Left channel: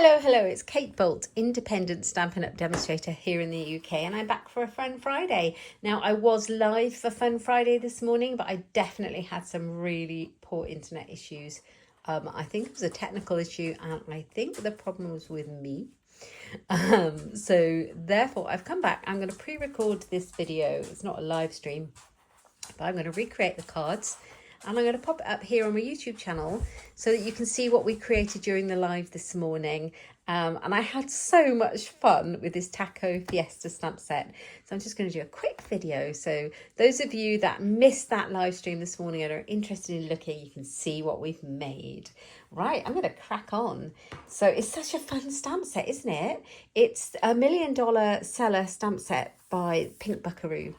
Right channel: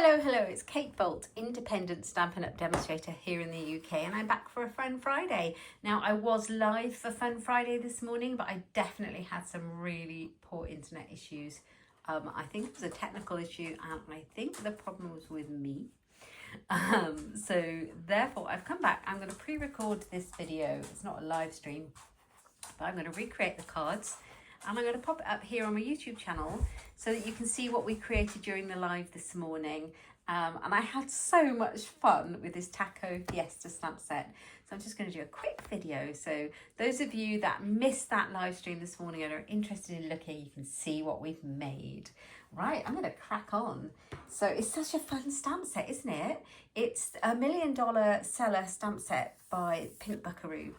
Hello, it's Kate Bolt, independent Stampin' Up demonstrator here in the UK, and I'm back for a Fun Friday. Now, I was live for Fun Friday this morning, but I definitely had some really poor internet issues. I think it was a technical issue, and I think the problem was with me. So therefore, I've come back. I'm going to pre-record this video. It's not a live stream, but I'm going to recreate the cards. And I'm going to pop it up here on my YouTube channel so that you can see what we created during the live this morning. And I had so much fun with this Taco Fiesta stamp set. So I'm just going to do a quick video. So those of you that missed that live stream this morning and are interested in looking, you can see what we've made. Right, I'm going to crack on. So it's such a fun stamp set, isn't it? It's a $1 million seller stamp set by Pink Buckaroo.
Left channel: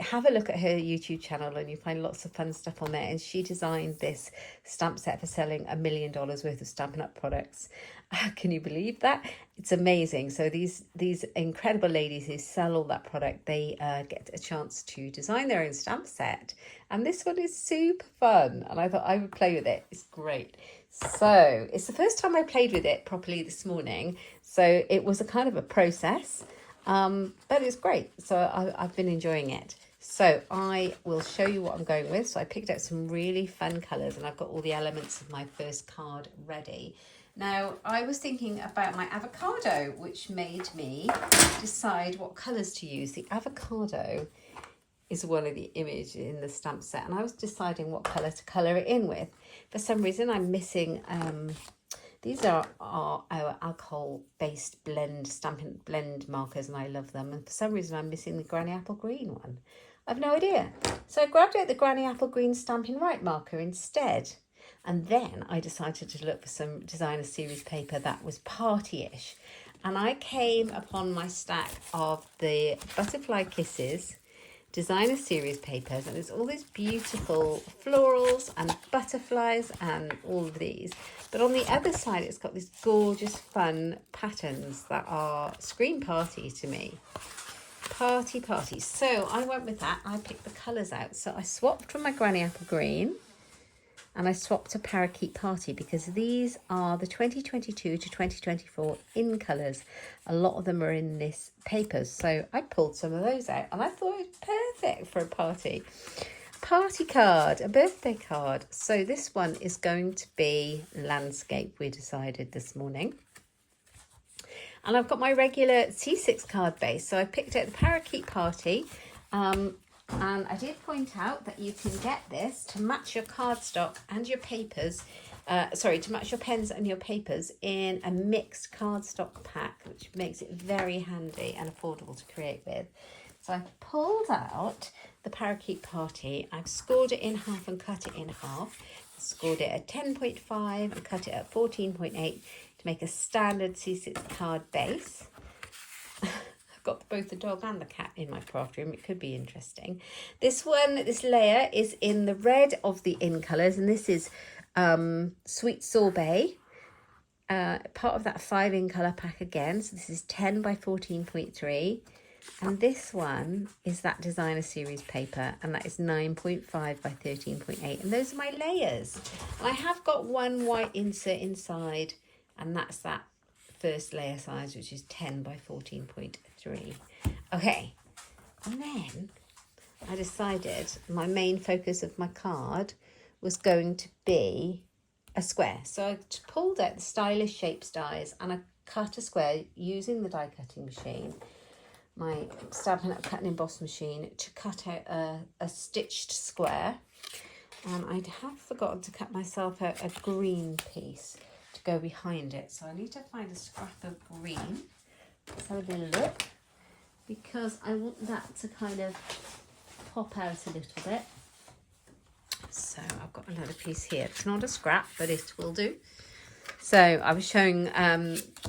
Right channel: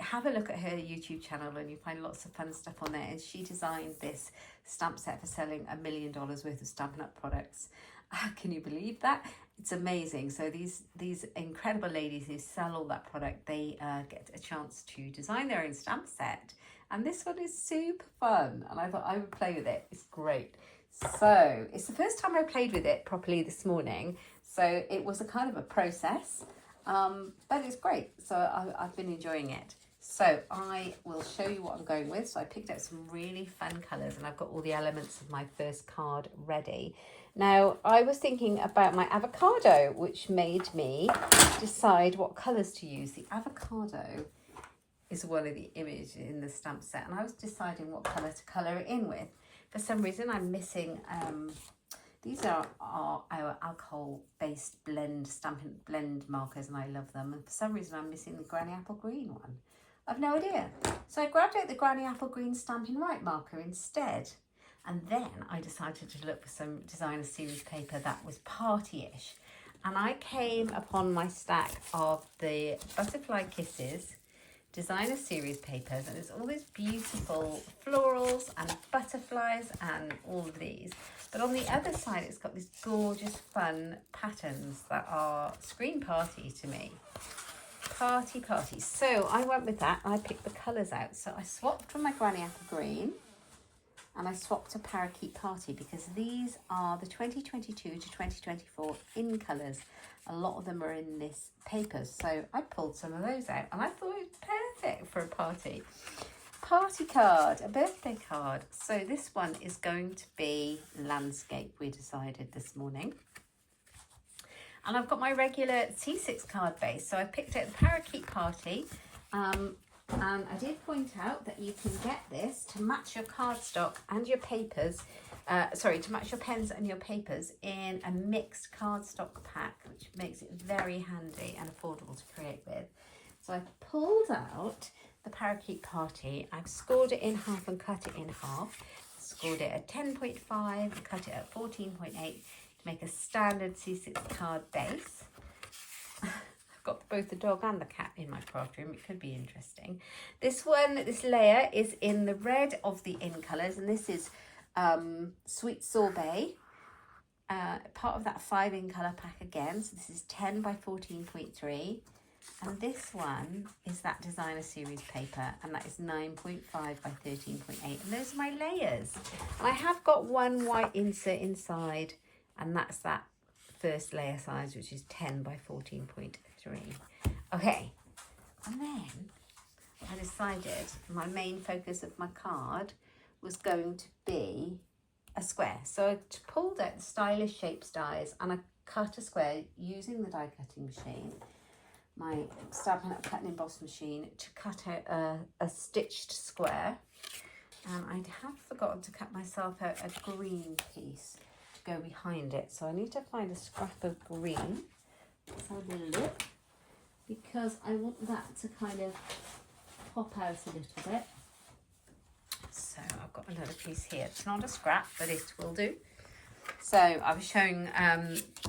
Have a look at her YouTube channel and you find lots of fun stuff on there. And she designed this stamp set for selling $1 million worth of Stampin' Up products. Can you believe that? It's amazing. So these incredible ladies who sell all that product, they get a chance to design their own stamp set. And this one is super fun. And I thought I would play with it. It's great. So it's the first time I played with it properly this morning. So it was a kind of a process. But it's great. So I've been enjoying it. So I will show you what I'm going with. So I picked out some really fun colours and I've got all the elements of my first card ready. Now I was thinking about my avocado, which made me decide what colours to use. The avocado is one of the images in the stamp set and I was deciding what colour to colour it in with. For some reason I'm missing, these are our alcohol-based Stampin' blend markers and I love them. And for some reason I'm missing the Granny Apple Green one. I've no idea. So I grabbed out the Granny Apple Green Stampin' Right marker instead. And then I decided to look for some designer series paper that was party-ish. And I came upon my stack of the Butterfly Kisses designer series papers. And there's all these beautiful florals and butterflies and all of these. But on the other side, it's got these gorgeous fun patterns that are scream party to me. Party. So I went with that. I picked the colours out. So I swapped from my Granny Apple Green and I swapped to Parakeet Party because these are the 2022 to 2024 in colours. A lot of them are in this papers. So I pulled some of those out and I thought it was perfect for a party. Party card, a birthday card. So this one is going to be landscape, we decided this morning. And I've got my regular C6 card base. So I picked out the Parakeet Party. And I did point out that you can get this to match your cardstock and your papers. To match your pens and your papers in a mixed cardstock pack, which makes it very handy and affordable to create with. So I pulled out the Parakeet Party. I've scored it in half and cut it in half. Scored it at 10.5 and cut it at 14.8 to make a standard C6 card base. I've got both the dog and the cat in my craft room. It could be interesting. This layer is in the red of the in colours, and this is Sweet Sorbet, part of that 5 in colour pack again. So this is 10 by 14.3. And this one is that designer series paper, and that is 9.5 by 13.8. And those are my layers. And I have got one white insert inside, and that's that first layer size, which is 10 by 14.3. Okay, and then I decided my main focus of my card was going to be a square. So I pulled out the Stylish Shapes dies and I cut a square using the die cutting machine, my Stampin' Up cut and emboss machine, to cut out a stitched square. And I have forgotten to cut myself out a green piece to go behind it. So I need to find a scrap of green. Let's have a little look, because I want that to kind of pop out a little bit. So I've got another piece here. It's not a scrap, but it will do. So I was showing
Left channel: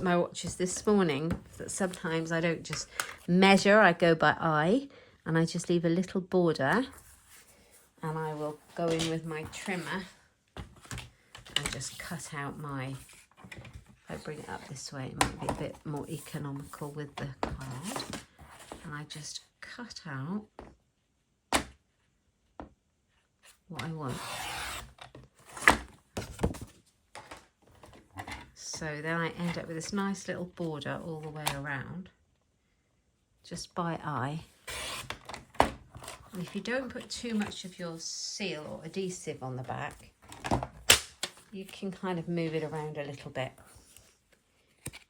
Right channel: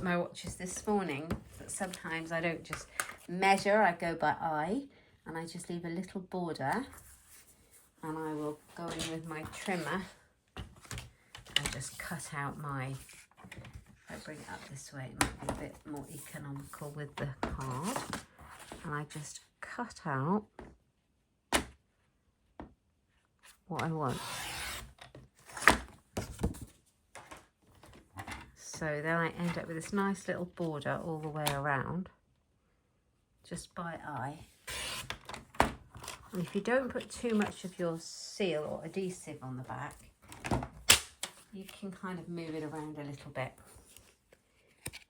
my watches this morning that sometimes I don't just measure, I go by eye, and I just leave a little border, and I will go in with my trimmer and just cut out my, if I bring it up this way, it might be a bit more economical with the card, and I just cut out what I want. So then I end up with this nice little border all the way around, just by eye. And if you don't put too much of your seal or adhesive on the back, you can kind of move it around a little bit.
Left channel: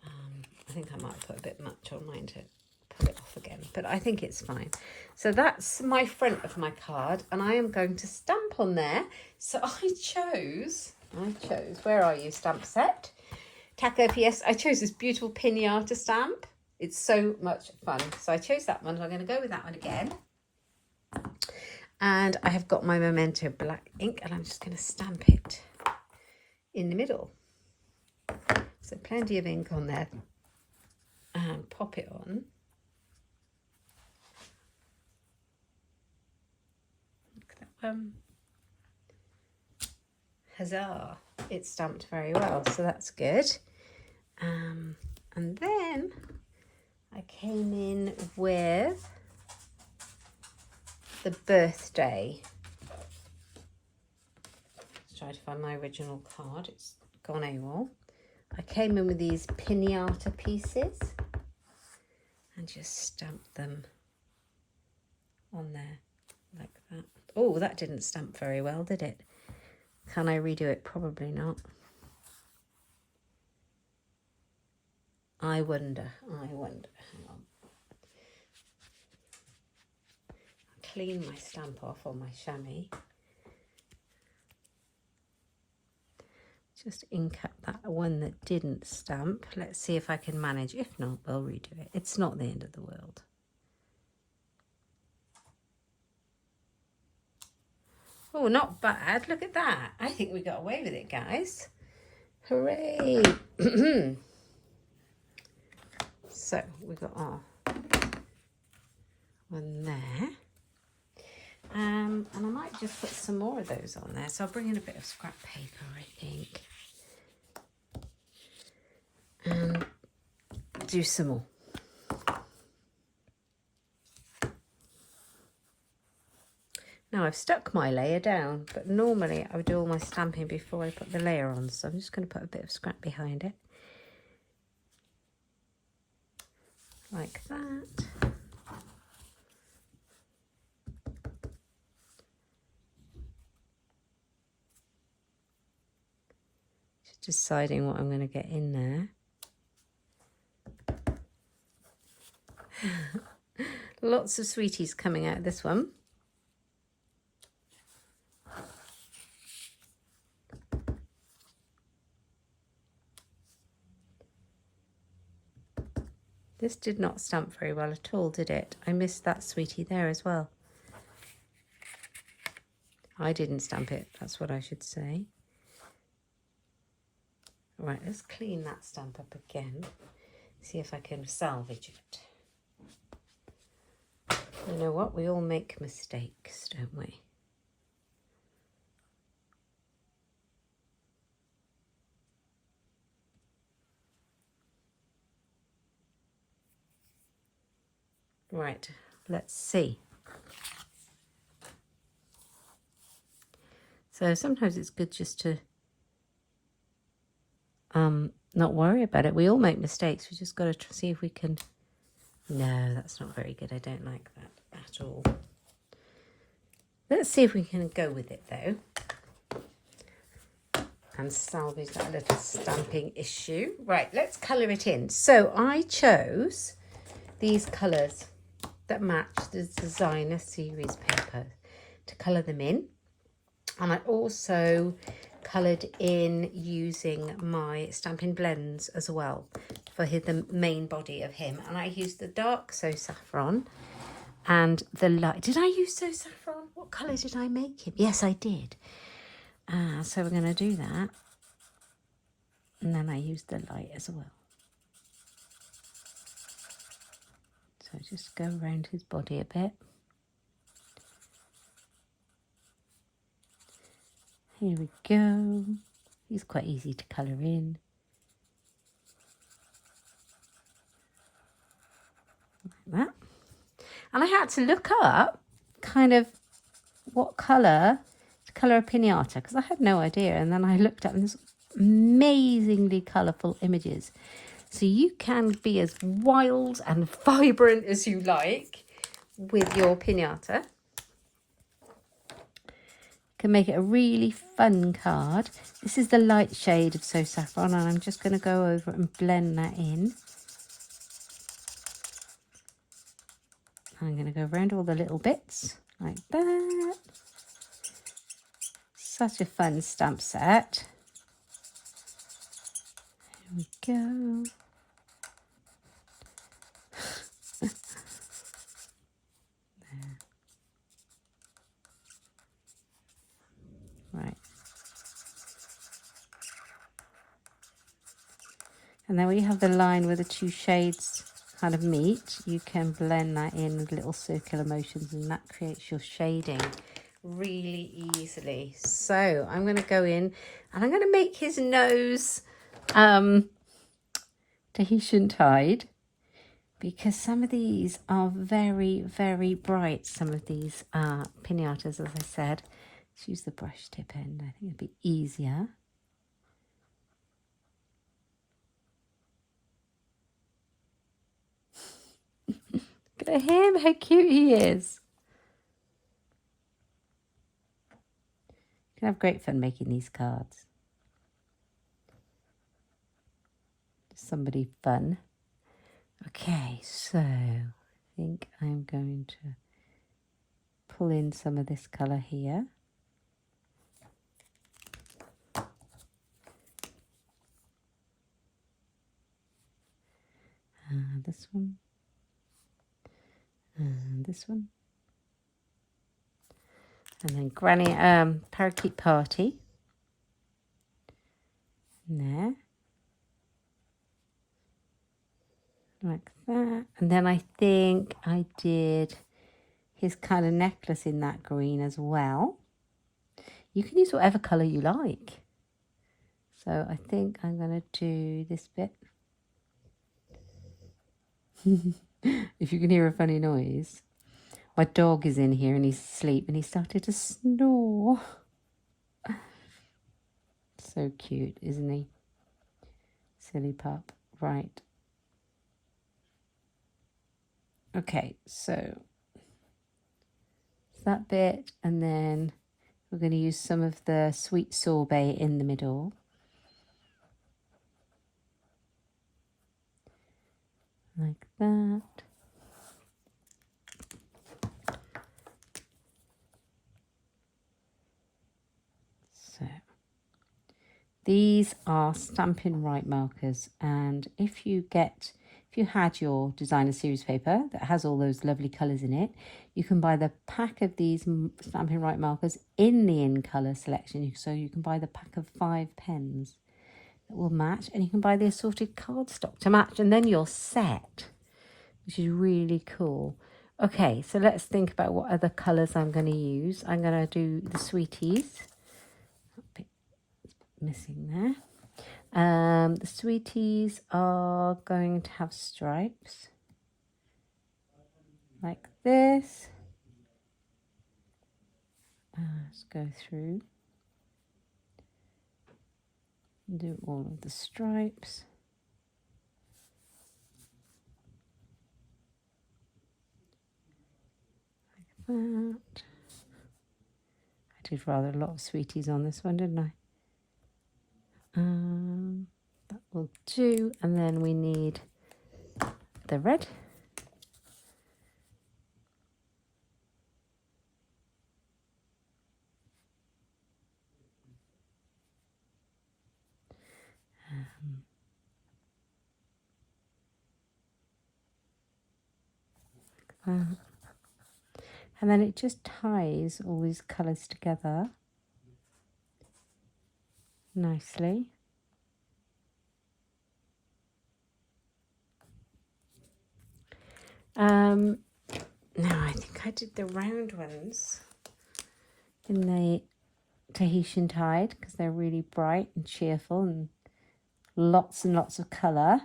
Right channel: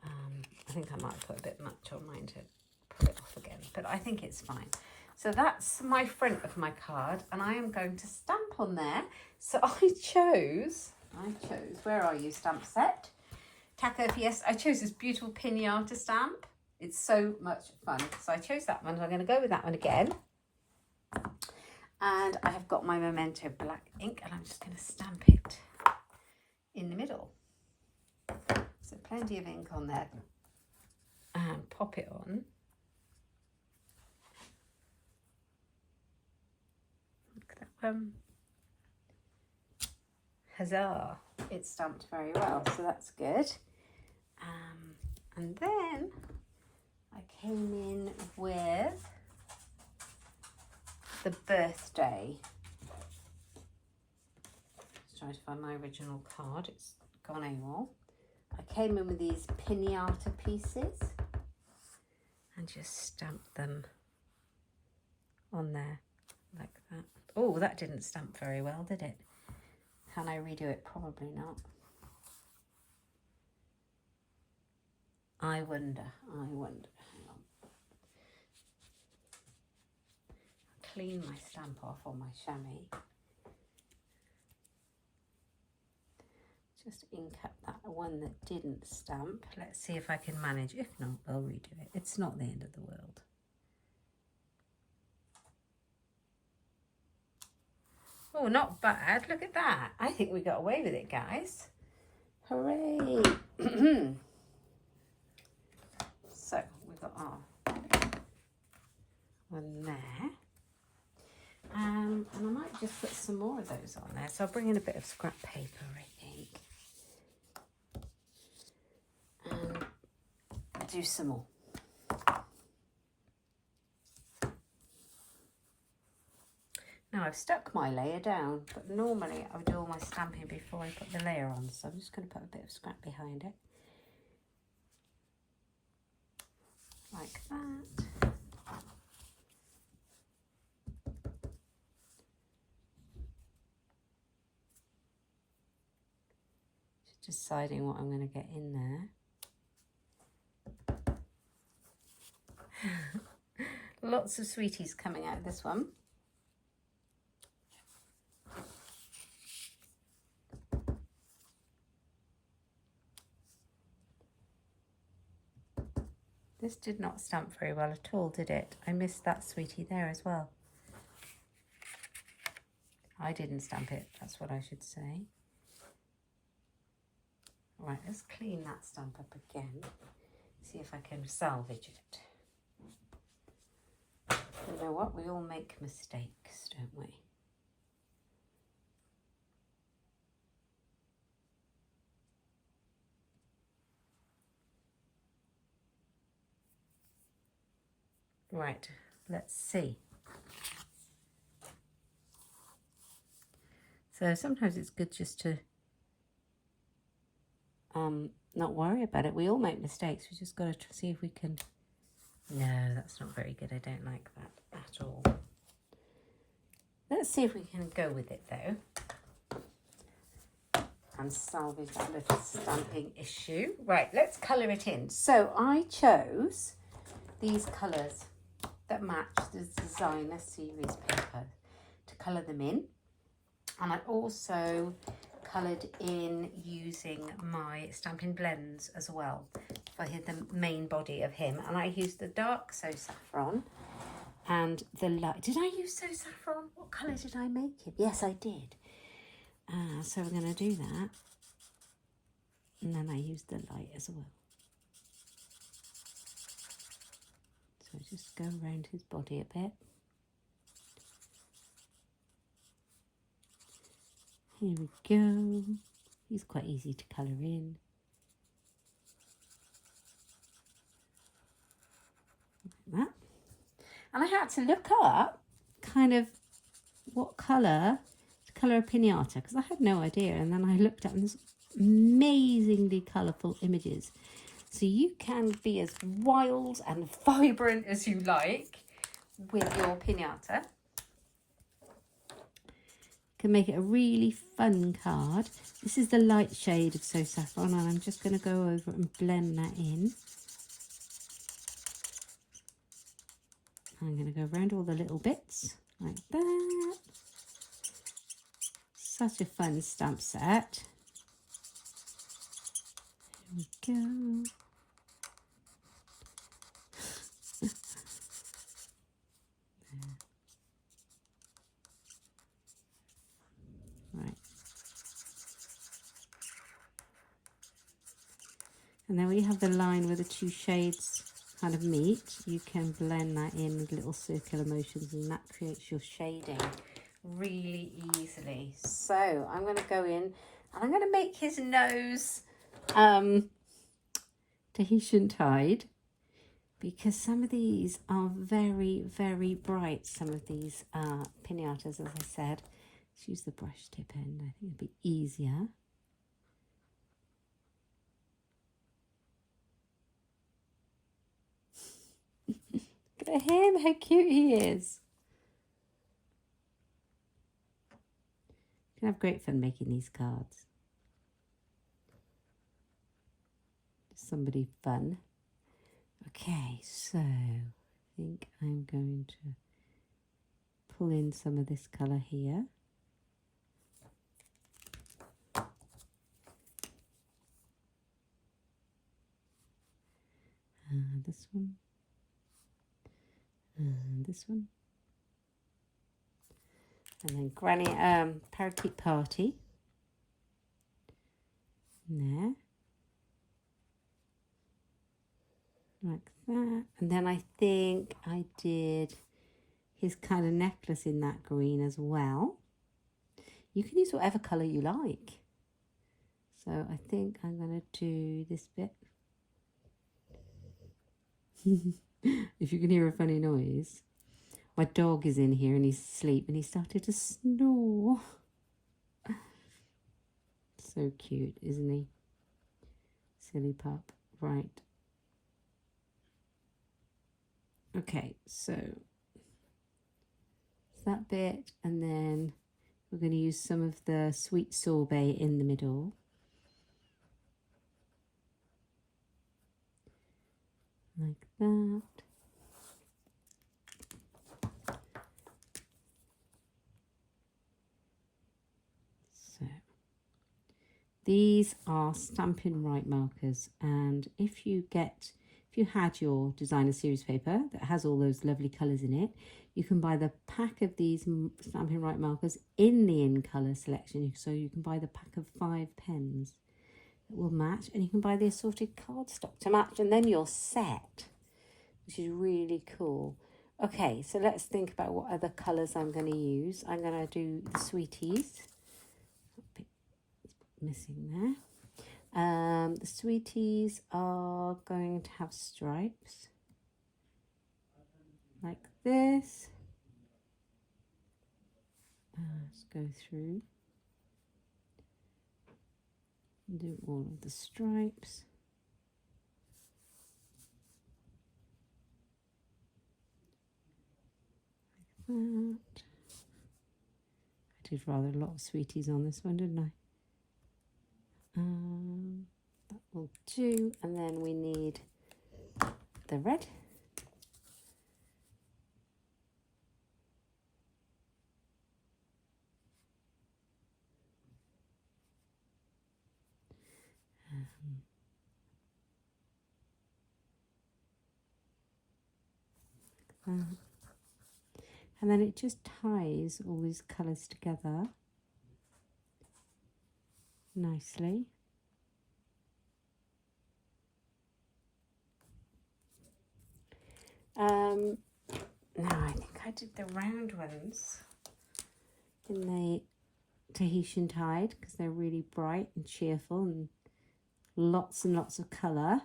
I think I might put a bit much on mine to pull it off again, but I think it's fine. So that's my front of my card, and I am going to stamp on there. So I chose, where are you, stamp set? Taco Fiesta. I chose this beautiful pinata stamp. It's so much fun. So I chose that one. I'm going to go with that one again. And I have got my Memento black ink, and I'm just going to stamp it in the middle. So plenty of ink on there. And pop it on. Look at that one. Huzzah! It's stamped very well, so that's good. And then I came in with the birthday. Let's try to find my original card. It's gone AWOL. I came in with these pinata pieces and just stamped them on there like that. Oh, that didn't stamp very well, did it? Can I redo it? Probably not. I wonder. Hang on. I'll clean my stamp off on my chamois. Just ink up that one that didn't stamp. Let's see if I can manage. If not, we'll redo it. It's not the end of the world. Oh, not bad. Look at that. I think we got away with it, guys. Hooray. So we've got our one there. And I might just put some more of those on there. So I'll bring in a bit of scrap paper, I think. And do some more. Now I've stuck my layer down, but normally I would do all my stamping before I put the layer on. So I'm just going to put a bit of scrap behind it. Like that. Just deciding what I'm going to get in there. Lots of sweeties coming out of this one. This did not stamp very well at all, did it? I missed that sweetie there as well. I didn't stamp it, that's what I should say. Right, let's clean that stamp up again. See if I can salvage it. You know what? We all make mistakes, don't we? Right, let's see. So sometimes it's good just to not worry about it. We all make mistakes. We just got to see if we can... No, that's not very good. I don't like that at all. Let's see if we can go with it though. And salvage that little stamping issue. Right, let's colour it in. So I chose these colours that match the designer series paper to colour them in. And I also coloured in using my Stampin' Blends as well for the main body of him. And I used the dark So Saffron and the light. Did I use So Saffron? What colour did I make him? Yes, I did. So we're going to do that. And then I used the light as well. So just go around his body a bit. Here we go. He's quite easy to colour in. Like that. And I had to look up kind of what colour to colour a pinata because I had no idea. And then I looked up and there's amazingly colourful images. So you can be as wild and vibrant as you like with your piñata. Can make it a really fun card. This is the light shade of So Saffron, and I'm just going to go over and blend that in. I'm going to go around all the little bits like that. Such a fun stamp set. There we go. Right. And then when you have the line where the two shades kind of meet, you can blend that in with little circular motions, and that creates your shading really easily. So I'm going to go in and I'm going to make his nose Tahitian tide, because some of these are very, very bright. Some of these piñatas, as I said. Let's use the brush tip end. I think it'll be easier. Look at him, how cute he is. You can have great fun making these cards. Somebody fun. Okay, so I think I'm going to pull in some of this colour here. This one. And this one. And then Granny Parakeet Party. And there. Like that. And then I think I did his kind of necklace in that green as well. You can use whatever colour you like. So I think I'm going to do this bit. If you can hear a funny noise, my dog is in here and he's asleep and he started to snore. So cute, isn't he? Silly pup. Right. Okay, so that bit, and then we're going to use some of the sweet sorbet in the middle. Like that. So these are Stampin' Right markers, and if you had your designer series paper that has all those lovely colours in it, you can buy the pack of these Stampin' Right markers in the in colour selection. So you can buy the pack of 5 pens that will match, and you can buy the assorted cardstock to match, and then you're set, which is really cool. Okay, so let's think about what other colours I'm going to use. I'm going to do the sweeties. Missing there. The sweeties are going to have stripes like this. Let's go through and do all of the stripes. Like that. I did rather a lot of sweeties on this one, didn't I? That will do, and then we need the red. And then it just ties all these colours together nicely. No, I think I did the round ones in the Tahitian tide because they're really bright and cheerful and lots of colour.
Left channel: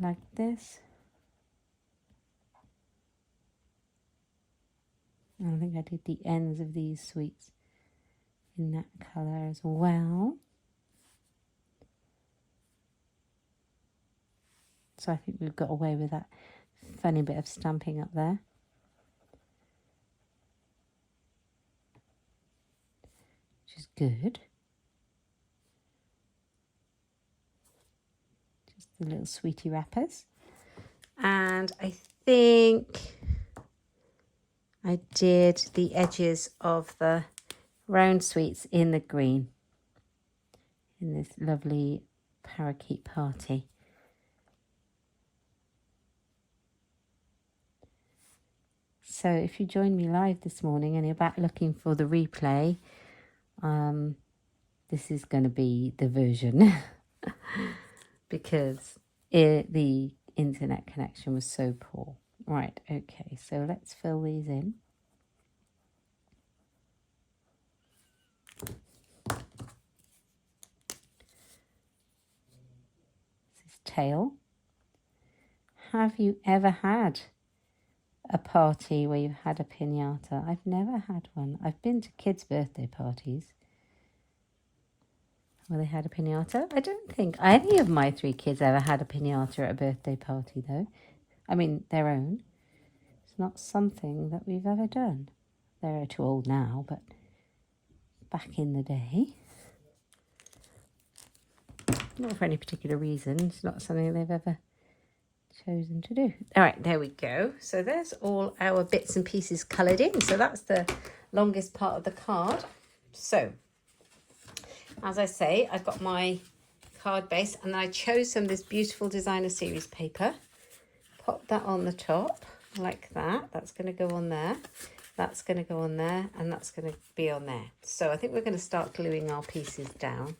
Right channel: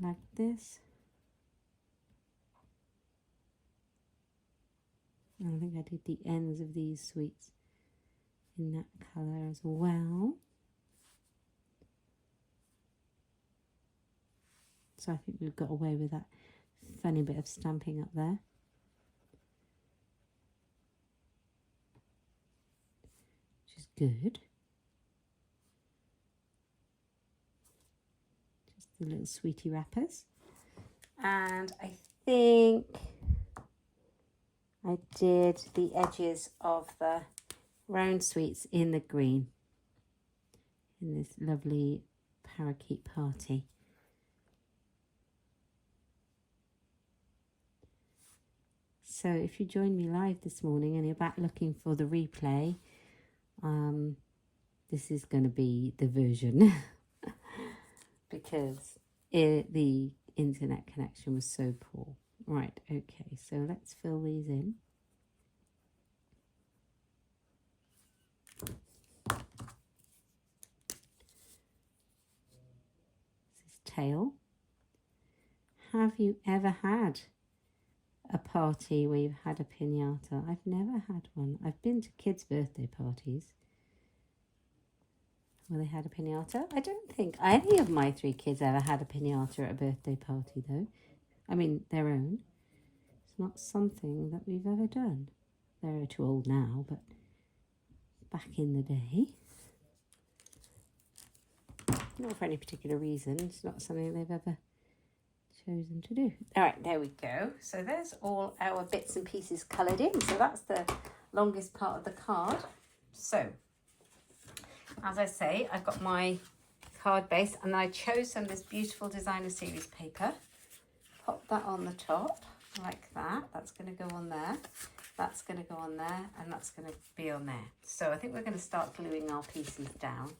Like this. I think I did the ends of these sweets in that colour as well. So I think we've got away with that funny bit of stamping up there. Which is good. Just the little sweetie wrappers. And I think I did the edges of the round sweets in the green. In this lovely parakeet party. So if you joined me live this morning and you're back looking for the replay, this is going to be the version because the internet connection was so poor. Right, okay, so let's fill these in. This is tail. Have you ever had a party where you've had a piñata? I've never had one. I've been to kids' birthday parties where they had a piñata. I don't think any of my 3 kids ever had a piñata at a birthday party though. I mean, their own. It's not something that we've ever done. They're too old now, but back in the day, not for any particular reason, it's not something they've ever chosen to do. All right, there we go. So there's all our bits and pieces coloured in. So that's the longest part of the card. So as I say, I've got my card base and I chose some of this beautiful designer series paper. Pop that on the top like that. That's going to go on there. That's going to go on there, and that's going to be on there. So I think we're going to start gluing our pieces down.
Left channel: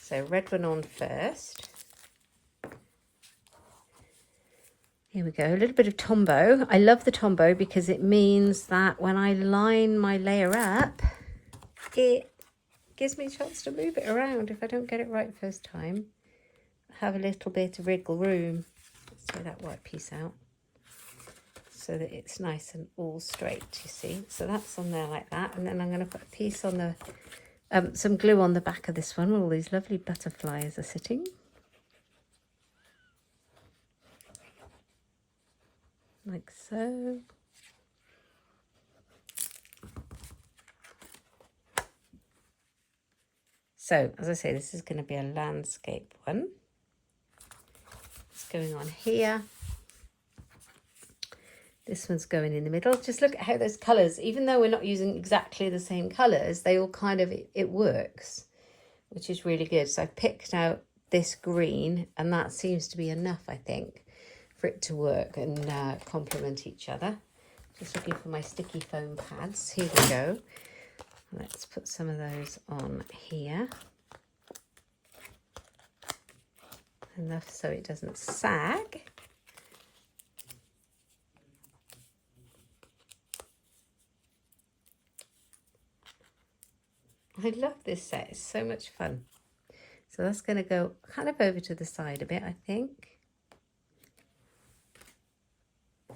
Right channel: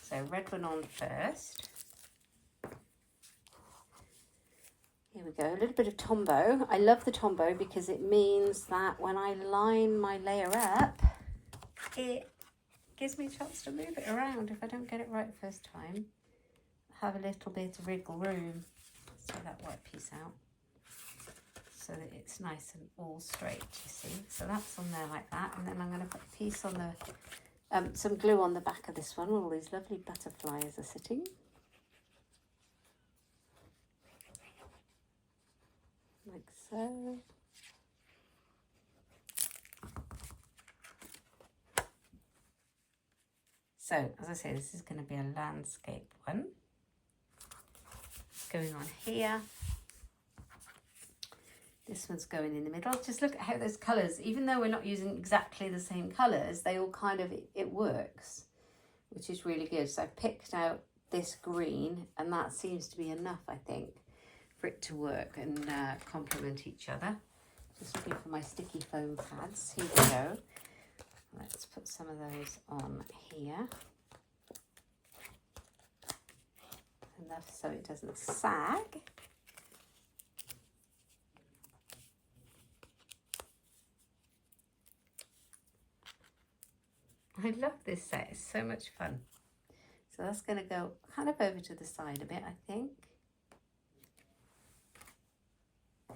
So red one on first. Here we go, a little bit of Tombow. I love the Tombow because it means that when I line my layer up, it gives me a chance to move it around if I don't get it right first time. I have a little bit of wriggle room. Let's take that white piece out so that it's nice and all straight, you see. So that's on there like that, and then I'm going to put a piece on the some glue on the back of this one where all these lovely butterflies are sitting. Like so. So, as I say, this is going to be a landscape one. It's going on here. This one's going in the middle. Just look at how those colours, even though we're not using exactly the same colours, they all kind of, it works, which is really good. So I've picked out this green, and that seems to be enough, I think, for it to work and complement each other. Just looking for my sticky foam pads. Here we go. Let's put some of those on here. Enough so it doesn't sag. I love this set, it's so much fun. So that's going to go kind of over to the side a bit, I think.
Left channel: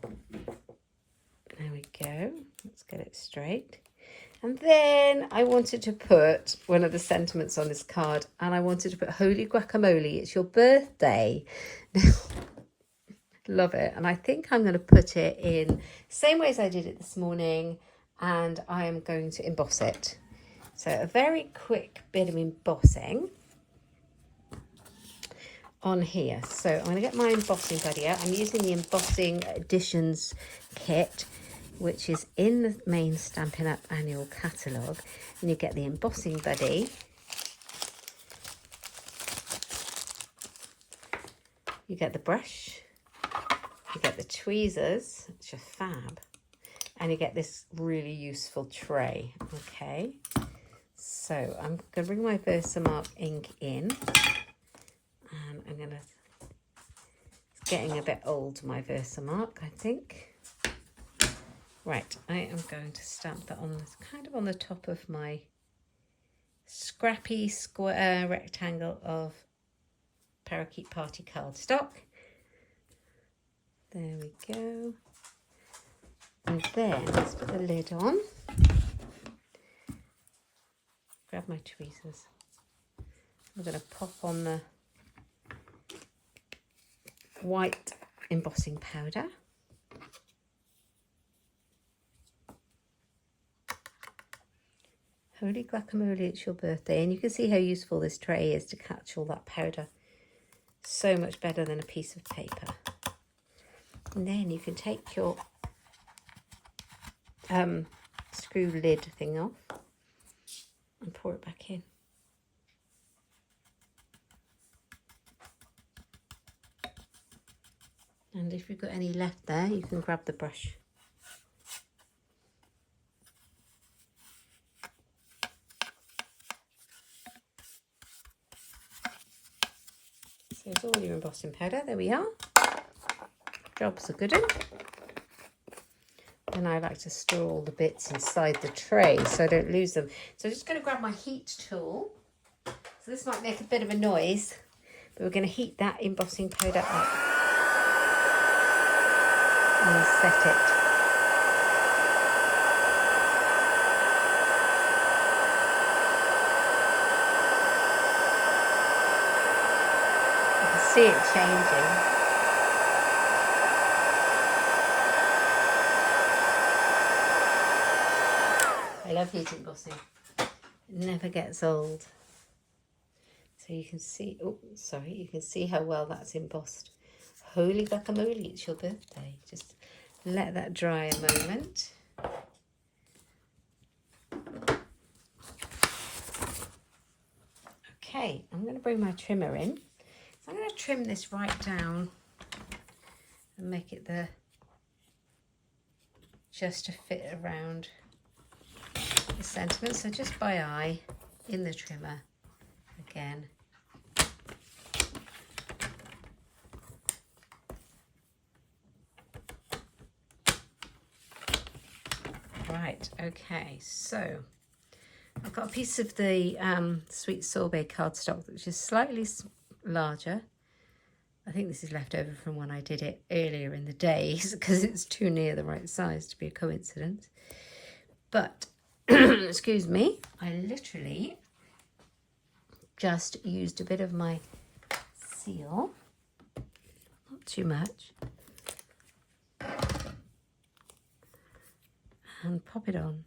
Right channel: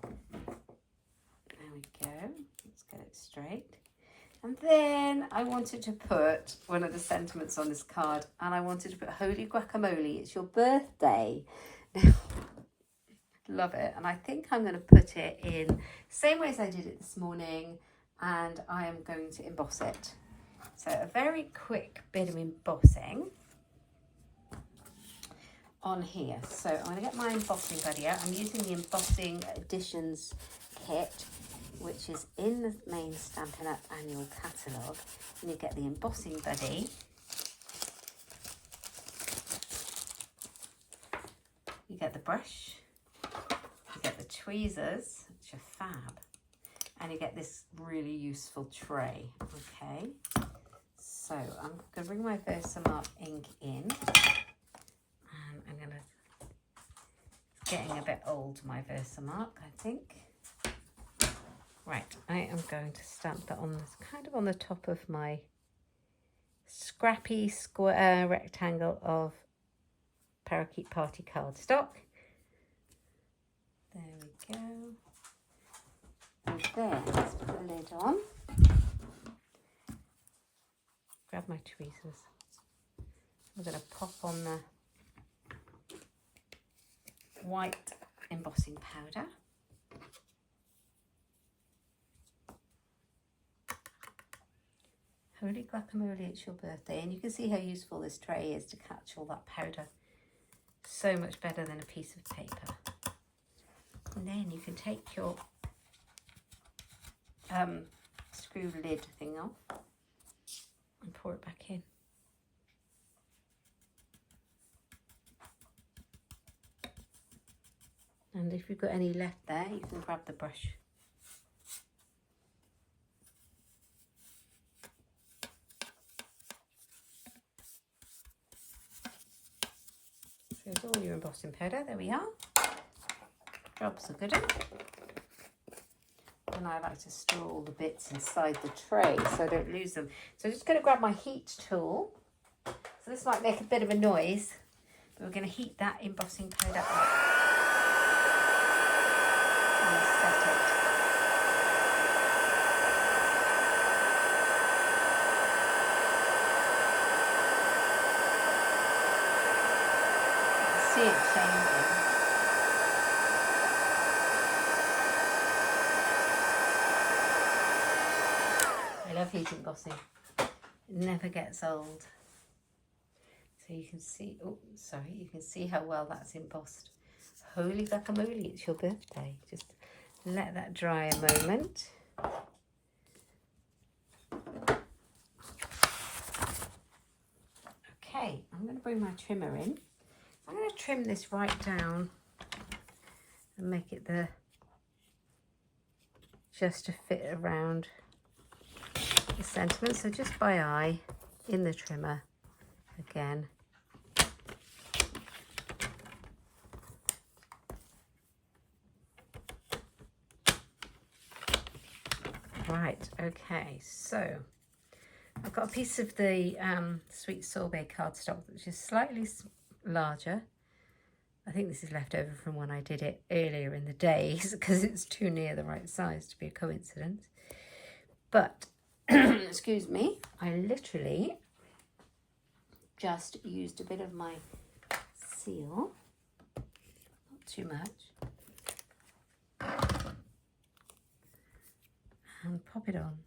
There we go, let's get it straight. And then I wanted to put one of the sentiments on this card, and I wanted to put holy guacamole, it's your birthday. Love it. And I think I'm going to put it in same way as I did it this morning, and I am going to emboss it. So a very quick bit of embossing on here. So I'm going to get my embossing buddy out. I'm using the Embossing Additions kit, which is in the main Stampin' Up annual catalogue. And you get the embossing buddy. You get the brush. You get the tweezers, which are fab. And you get this really useful tray, okay? So I'm going to bring my Versamark ink in, and I'm going to, it's getting a bit old, my Versamark, I think. Right, I am going to stamp that on, kind of on the top of my scrappy square rectangle of Parakeet Party cardstock. There we go. lid on. Grab my tweezers. I'm going to pop on the white embossing powder. Holy guacamole, it's your birthday. And you can see how useful this tray is to catch all that powder. So much better than a piece of paper. And then you can take your screw lid thing off and pour it back in. And if you've got any left there, you can grab the brush. So it's all your embossing powder. There we are. Job's a good one. And I like to store all the bits inside the tray so I don't lose them. So I'm just going to grab my heat tool. So this might make a bit of a noise, but we're going to heat that embossing powder up and set it. You can see it changing. I love heat embossing. It never gets old. So you can see, oh, sorry, you can see how well that's embossed. Holy guacamole, it's your birthday. Just let that dry a moment. Okay, I'm going to bring my trimmer in. I'm going to trim this right down and make it just to fit around the sentiment. So just by eye in the trimmer again. Right, okay, so I've got a piece of the sweet sorbet cardstock which is slightly larger. I think this is left over from when I did it earlier in the days because it's too near the right size to be a coincidence. But, excuse me, I literally just used a bit of my seal, not too much, and pop it on.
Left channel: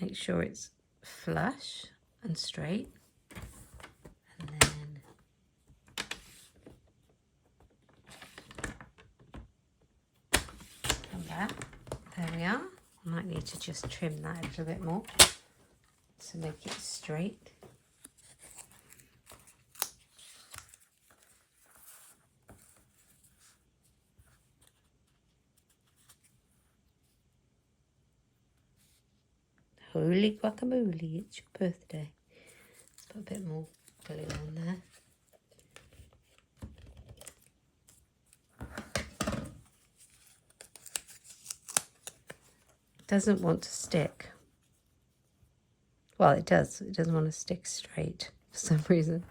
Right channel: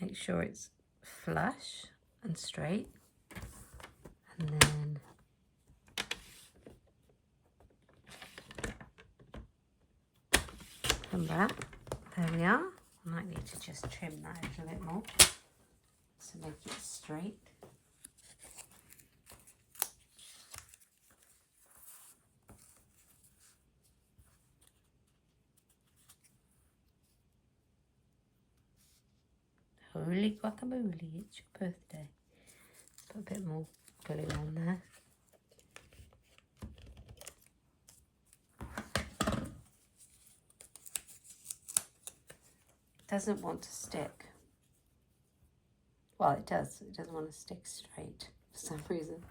Make sure it's flush and straight, and then come back. There we are. I might need to just trim that a little bit more to make it straight. Holy guacamole, it's your birthday. Let's put a bit more glue on there. Doesn't want to stick. Well, it does. It doesn't want to stick straight for some reason.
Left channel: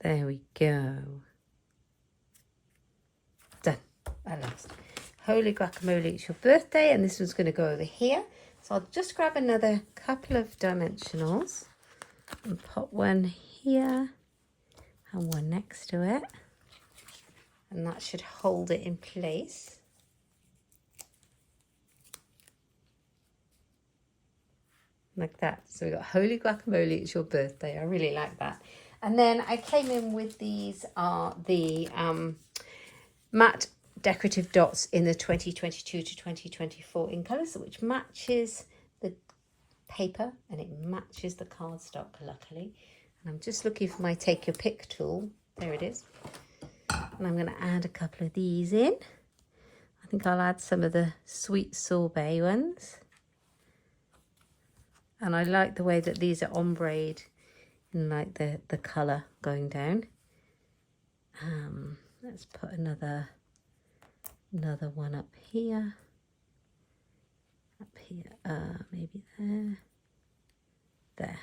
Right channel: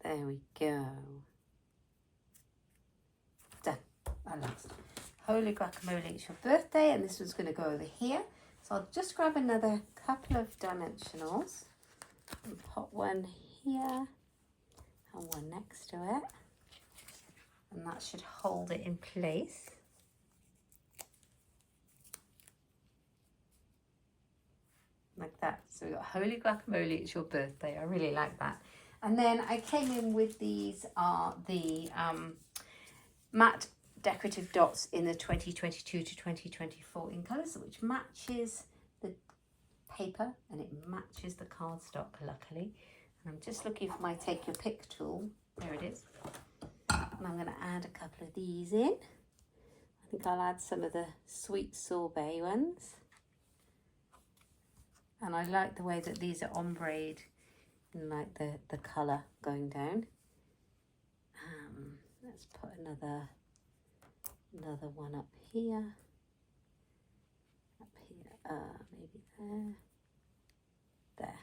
There we go. Done. At last. Holy guacamole, it's your birthday, and this one's going to go over here. So I'll just grab another couple of dimensionals and put one here and one next to it. And that should hold it in place. Like that. So we've got Holy Guacamole, it's your birthday. I really like that. And then I came in with these are the matte decorative dots in the 2022 to 2024 in colours, which matches the paper and it matches the cardstock, luckily. And I'm just looking for my take your pick tool. There it is. And I'm going to add a couple of these in. I think I'll add some of the sweet sorbet ones. And I like the way that these are ombreed and like the colour going down. Let's put another one up here, maybe there.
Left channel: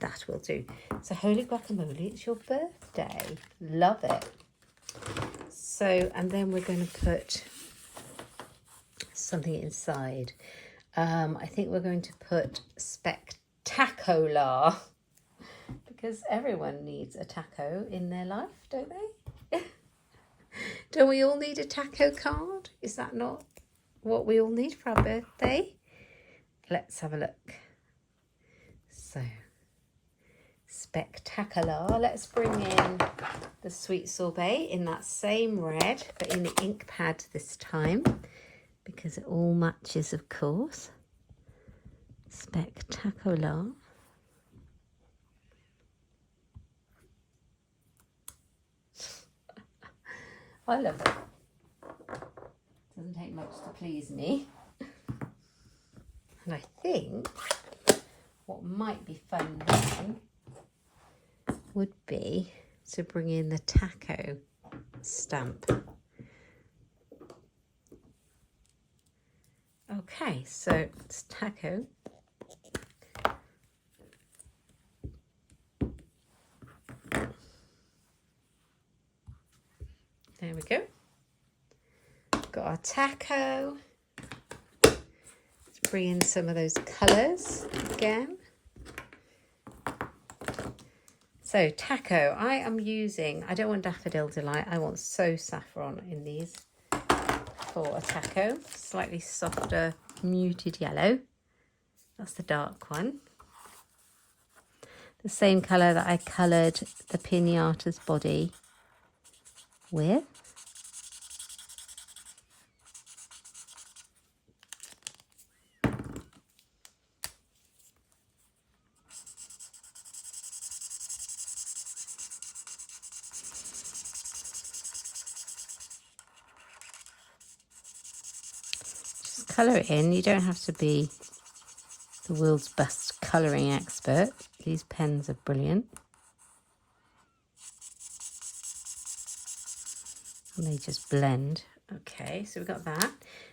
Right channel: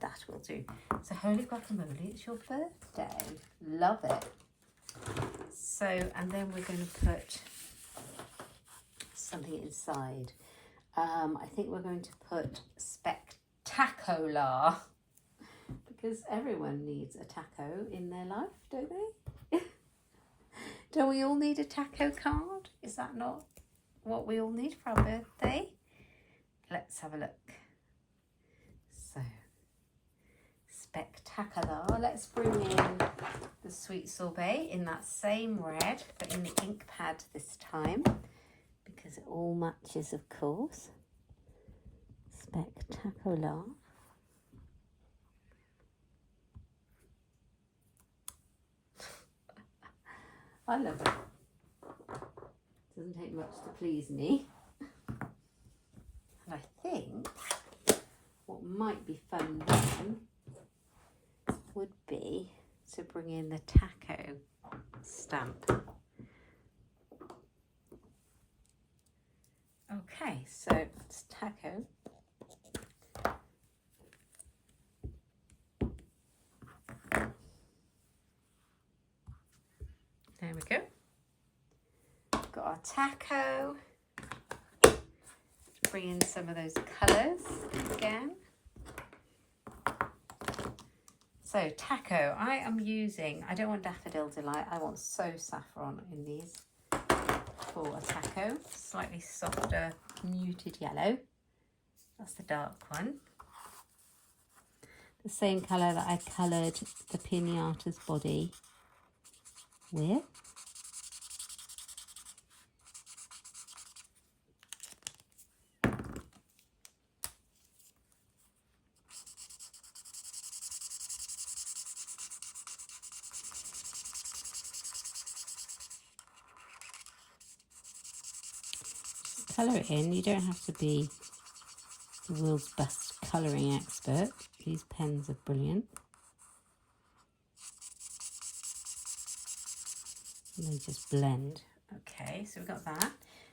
That will do. So holy guacamole, it's your birthday. Love it. So, and then we're going to put something inside. I think we're going to put spectacular, because everyone needs a taco in their life, don't they? Don't we all need a taco card? Is that not what we all need for our birthday? Let's have a look. So, spectacular. Let's bring in the sweet sorbet in that same red, but in the ink pad this time, because it all matches, of course. Spectacular. I love it. Doesn't take much to please me. And I think what might be fun then would be to bring in the taco stamp. Okay, so it's taco. There we go. Got our taco. Let's bring in some of those colours again. So taco, I am using, I don't want Daffodil Delight, I want So Saffron in these for a taco. Slightly softer, muted yellow. That's the dark one. The same colour that I coloured the pinata's body with. Just colour it in. You don't have to be the world's best colouring expert. These pens are brilliant. And they just blend. Okay, so we've got that.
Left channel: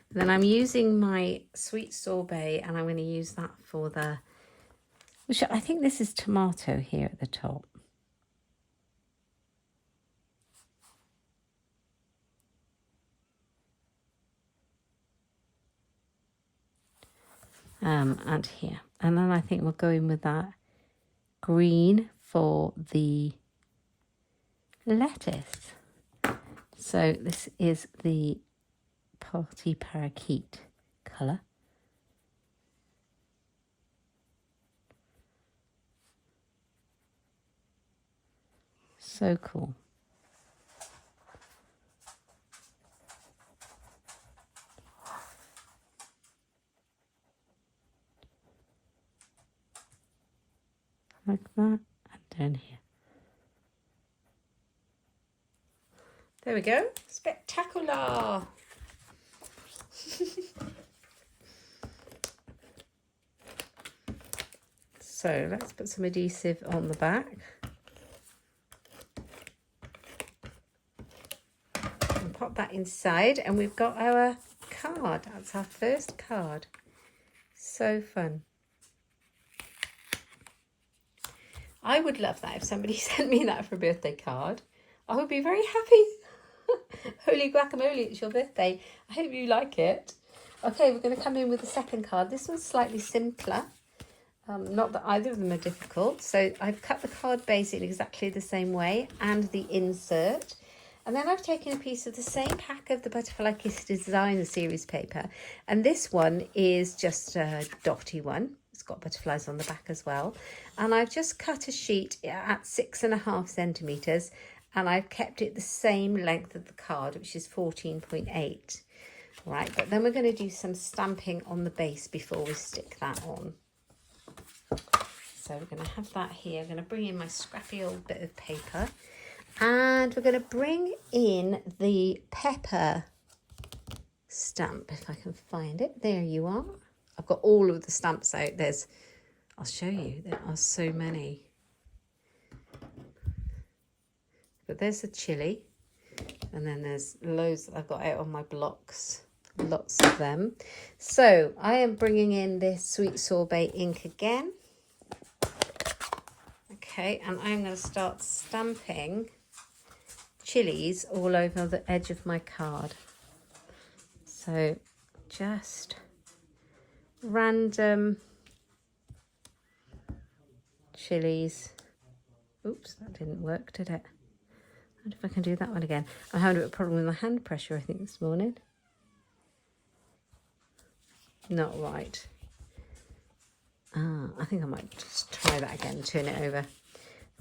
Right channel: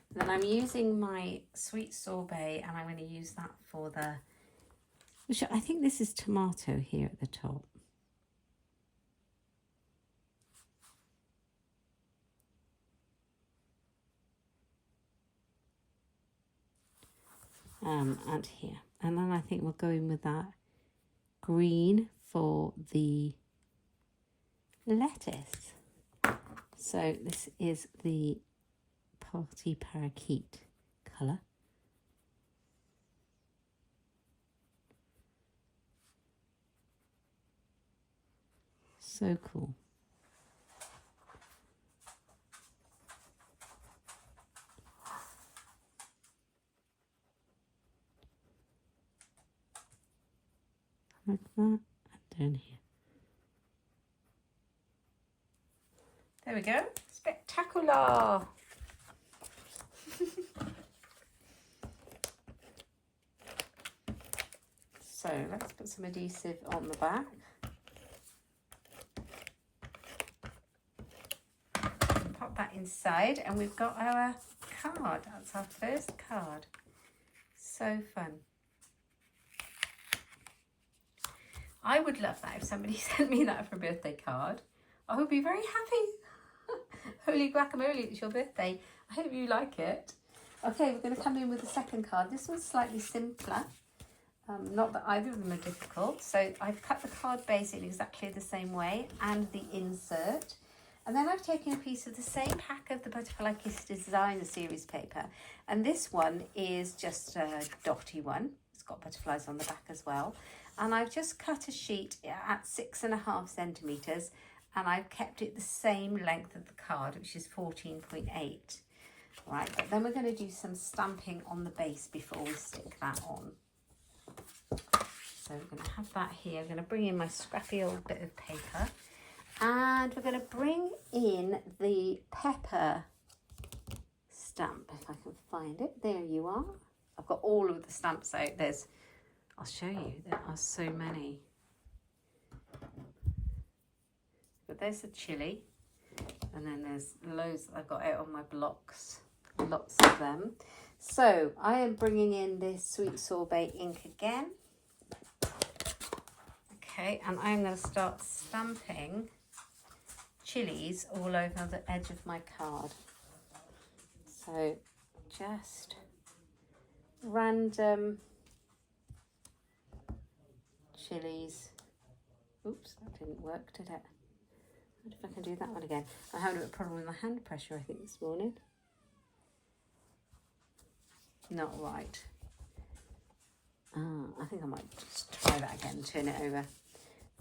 And then I'm using my sweet sorbet, and I'm going to use that for the, which I think this is tomato here at the top. And here. And then I think we'll go in with that green for the lettuce. So this is the Party Parakeet colour. So cool. Like that, and down here. There we go. Spectacular. So let's put some adhesive on the back. And pop that inside, and we've got our card. That's our first card. So fun. I would love that if somebody sent me that for a birthday card. I would be very happy. Holy guacamole, it's your birthday. I hope you like it. Okay, we're going to come in with the second card. This one's slightly simpler. Not that either of them are difficult. So I've cut the card basically exactly the same way, and the insert. And then I've taken a piece of the same pack of the Butterfly Kiss Design series paper. And this one is just a dotty one. It's got butterflies on the back as well. And I've just cut a sheet at 6.5 centimetres, and I've kept it the same length of the card, which is 14.8. Right, but then we're going to do some stamping on the base before we stick that on. So we're going to have that here. I'm going to bring in my scrappy old bit of paper, and we're going to bring in the pepper stamp, if I can find it. There you are. I've got all of the stamps out. I'll show you, there are so many. But there's the chili, and then there's loads that I've got out on my blocks, lots of them. So I am bringing in this sweet sorbet ink again. Okay, and I'm going to start stamping chilies all over the edge of my card. So just random chilies. Oops, that didn't work, did it? I wonder if I can do that one again. I'm having a bit of a problem with my hand pressure, I think, this morning. Not right. I think I might just try that again, turn it over.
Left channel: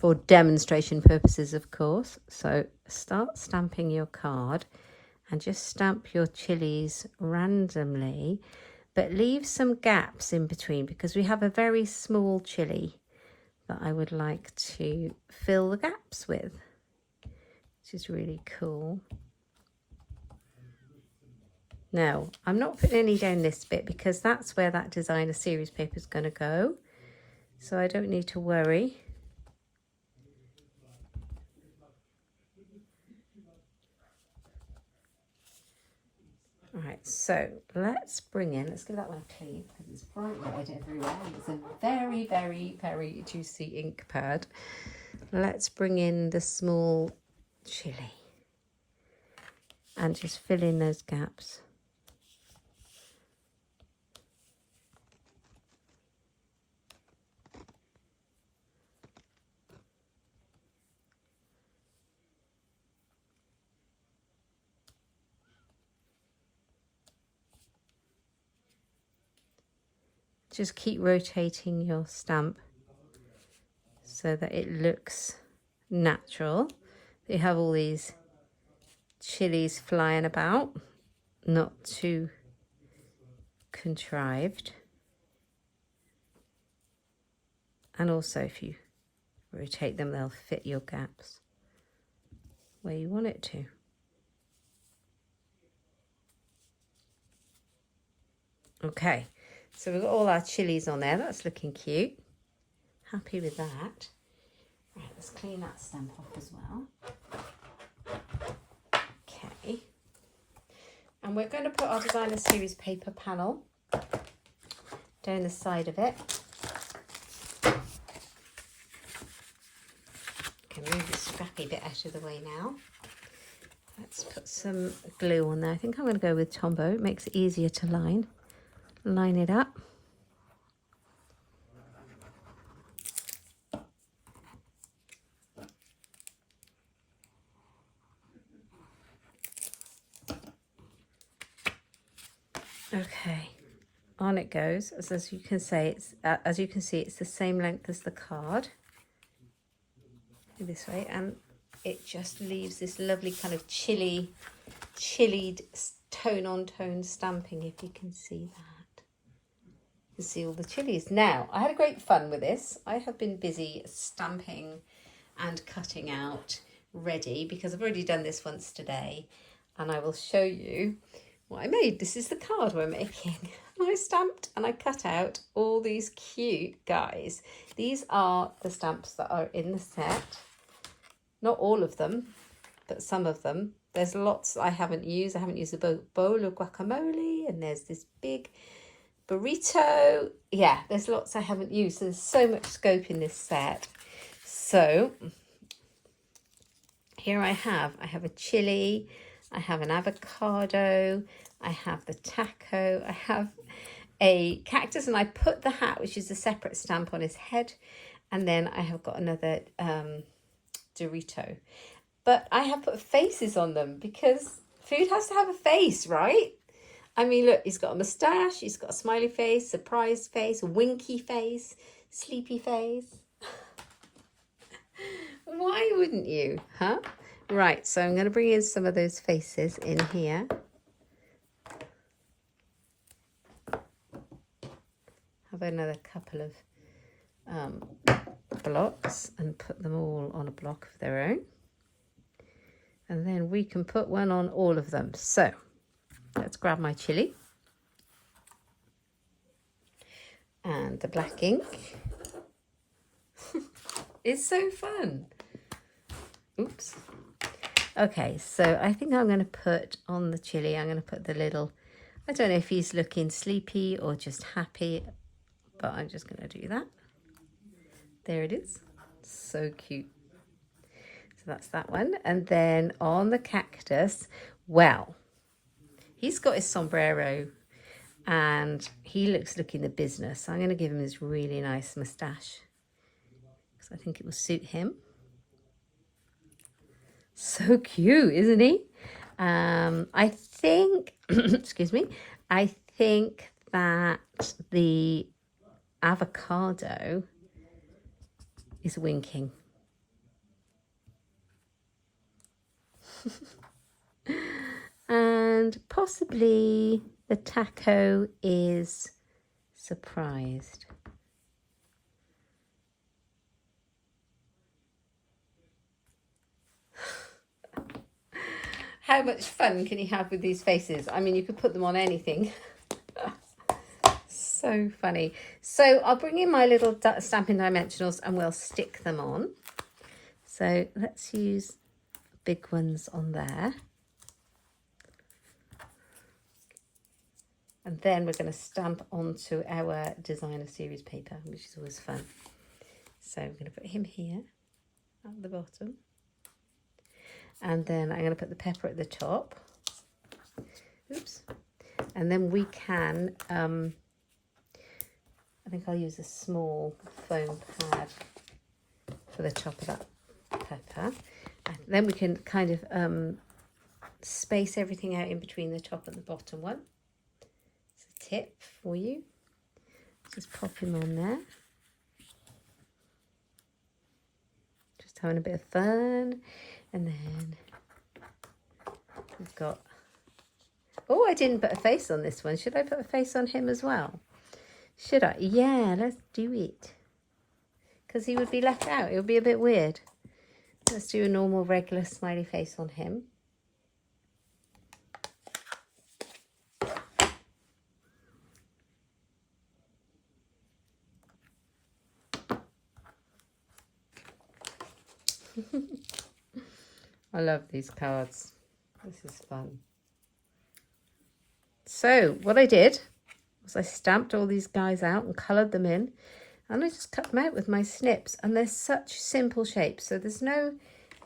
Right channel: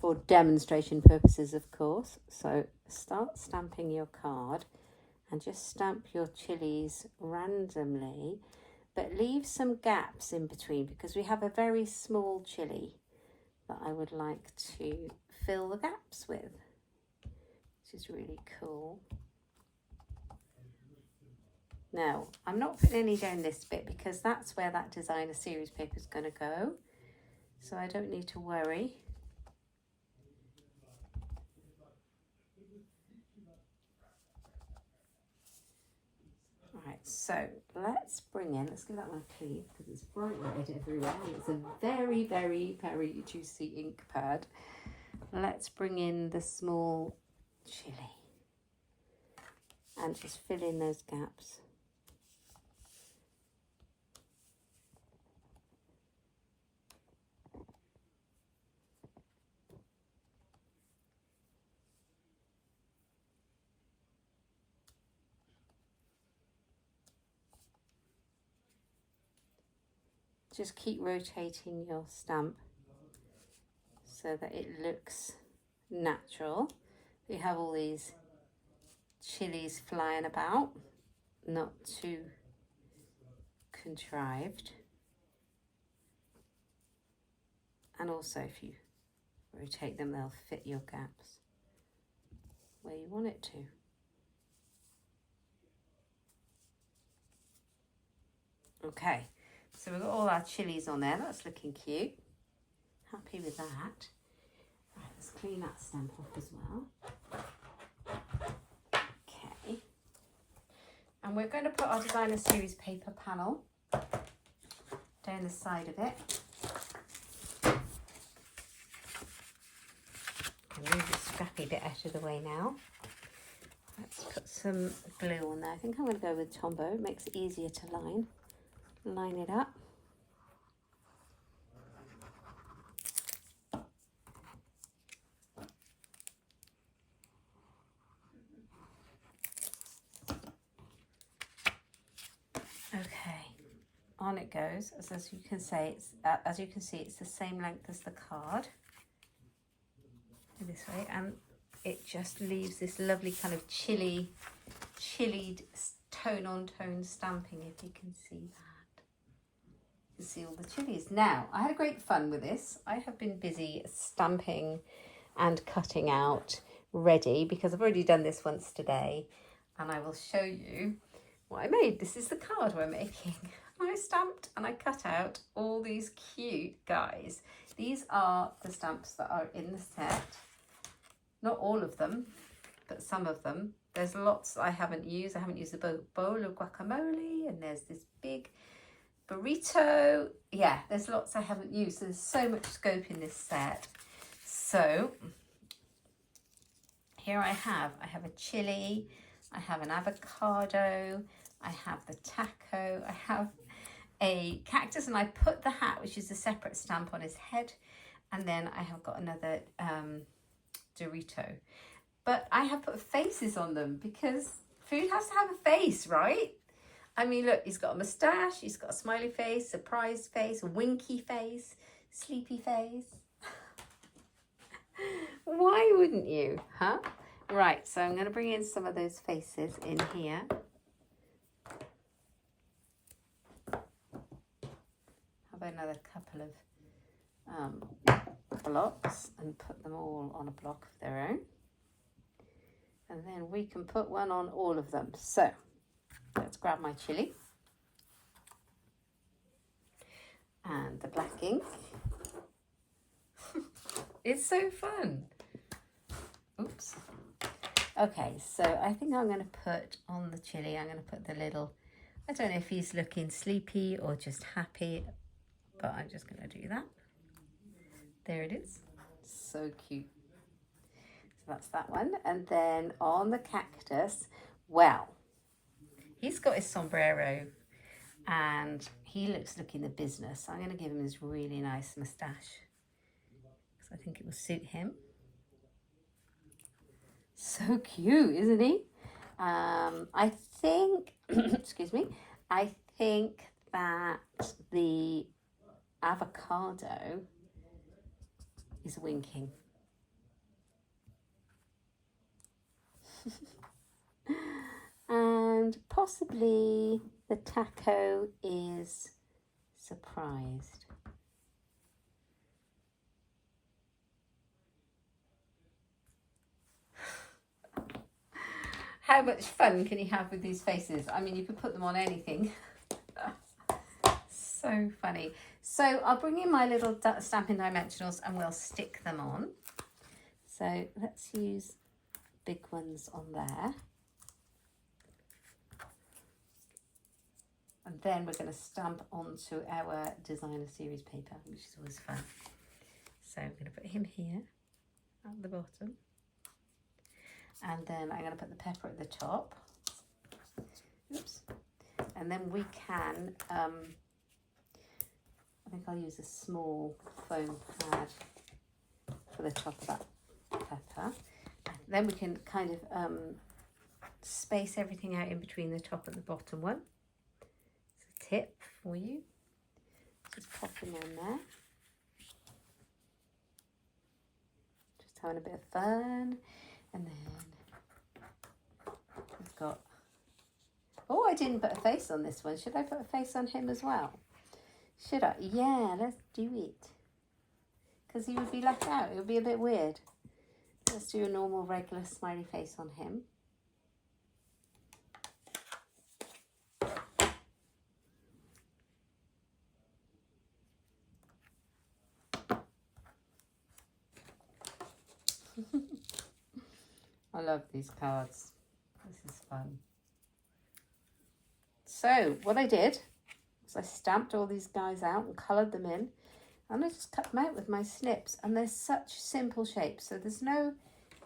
For demonstration purposes, of course. So start stamping your card and just stamp your chilies randomly, but leave some gaps in between because we have a very small chili that I would like to fill the gaps with, which is really cool. Now, I'm not putting any down this bit because that's where that designer series paper is going to go. So I don't need to worry. All right, so let's bring in, let's give that one a clean because it's bright red everywhere and it's a very, very, very juicy ink pad. Let's bring in the small chili and just fill in those gaps. Just keep rotating your stamp so that it looks natural. You have all these chilies flying about, not too contrived. And also if you rotate them, they'll fit your gaps where you want it to. Okay. So we've got all our chilies on there. That's looking cute. Happy with that. Right, let's clean that stamp off as well. Okay. And we're going to put our designer series paper panel down the side of it. Can move the scrappy bit out of the way now. Let's put some glue on there. I think I'm going to go with Tombow. It makes it easier to line it up. Okay, on it goes. As you can see, it's the same length as the card. This way, and it just leaves this lovely kind of chilled tone on tone stamping. If you can see that. You see all the chilies. Now, I had a great fun with this. I have been busy stamping and cutting out ready because I've already done this once today, and I will show you what I made. This is the card we're making. I stamped and I cut out all these cute guys. These are the stamps that are in the set. Not all of them, but some of them. There's lots I haven't used. I haven't used the bowl of guacamole, and there's this big burrito. Yeah, there's lots I haven't used. So there's so much scope in this set. So here I have a chili, I have an avocado, I have the taco, I have a cactus, and I put the hat, which is a separate stamp, on his head, and then I have got another Dorito. But I have put faces on them because food has to have a face, right? I mean, look, he's got a moustache, he's got a smiley face, surprised face, winky face, sleepy face. Why wouldn't you, huh? Right, so I'm going to bring in some of those faces in here. Have another couple of blocks and put them all on a block of their own. And then we can put one on all of them. So let's grab my chili and the black ink. It's so fun. Oops. Okay, so I think I'm going to put on the chili, I'm going to put the little, I don't know if he's looking sleepy or just happy, but I'm just going to do that. There it is. So cute. So that's that one. And then on the cactus, well, he's got his sombrero and he looks looking the business. So I'm going to give him his really nice moustache because I think it will suit him. So cute, isn't he? I think, excuse me, I think that the avocado is winking. And possibly the taco is surprised. How much fun can you have with these faces? I mean, you could put them on anything. So funny. So I'll bring in my little Stampin' Dimensionals and we'll stick them on. So let's use big ones on there. And then we're going to stamp onto our designer series paper, which is always fun. So I'm going to put him here at the bottom. And then I'm going to put the pepper at the top. Oops. And then we can, I think I'll use a small foam pad for the top of that pepper. And then we can kind of space everything out in between the top and the bottom one. It's a tip for you. Just pop him on there. Just having a bit of fun. And then we've got, oh, I didn't put a face on this one. Should I put a face on him as well? Should I? Yeah, let's do it. Because he would be left out. It would be a bit weird. Let's do a normal, regular smiley face on him. I love these cards. This is fun. So what I did was I stamped all these guys out and coloured them in, and I just cut them out with my snips, and they're such simple shapes. So there's no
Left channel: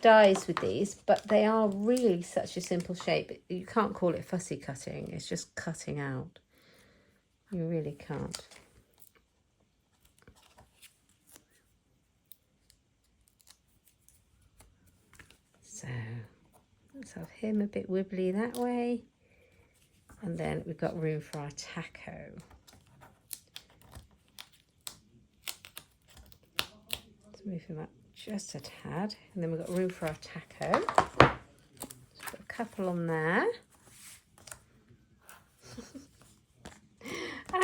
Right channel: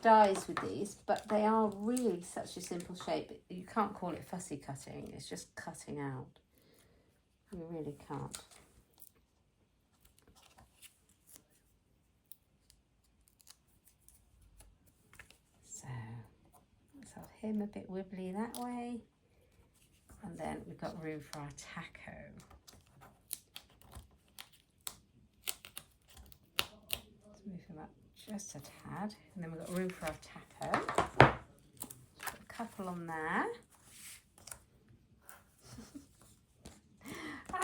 dies with these, but they are really such a simple shape. You can't call it fussy cutting. It's just cutting out. You really can't. So let's have him a bit wibbly that way. And then we've got room for our taco. Let's move him up just a tad. And then we've got room for our taco. Just put a couple on there.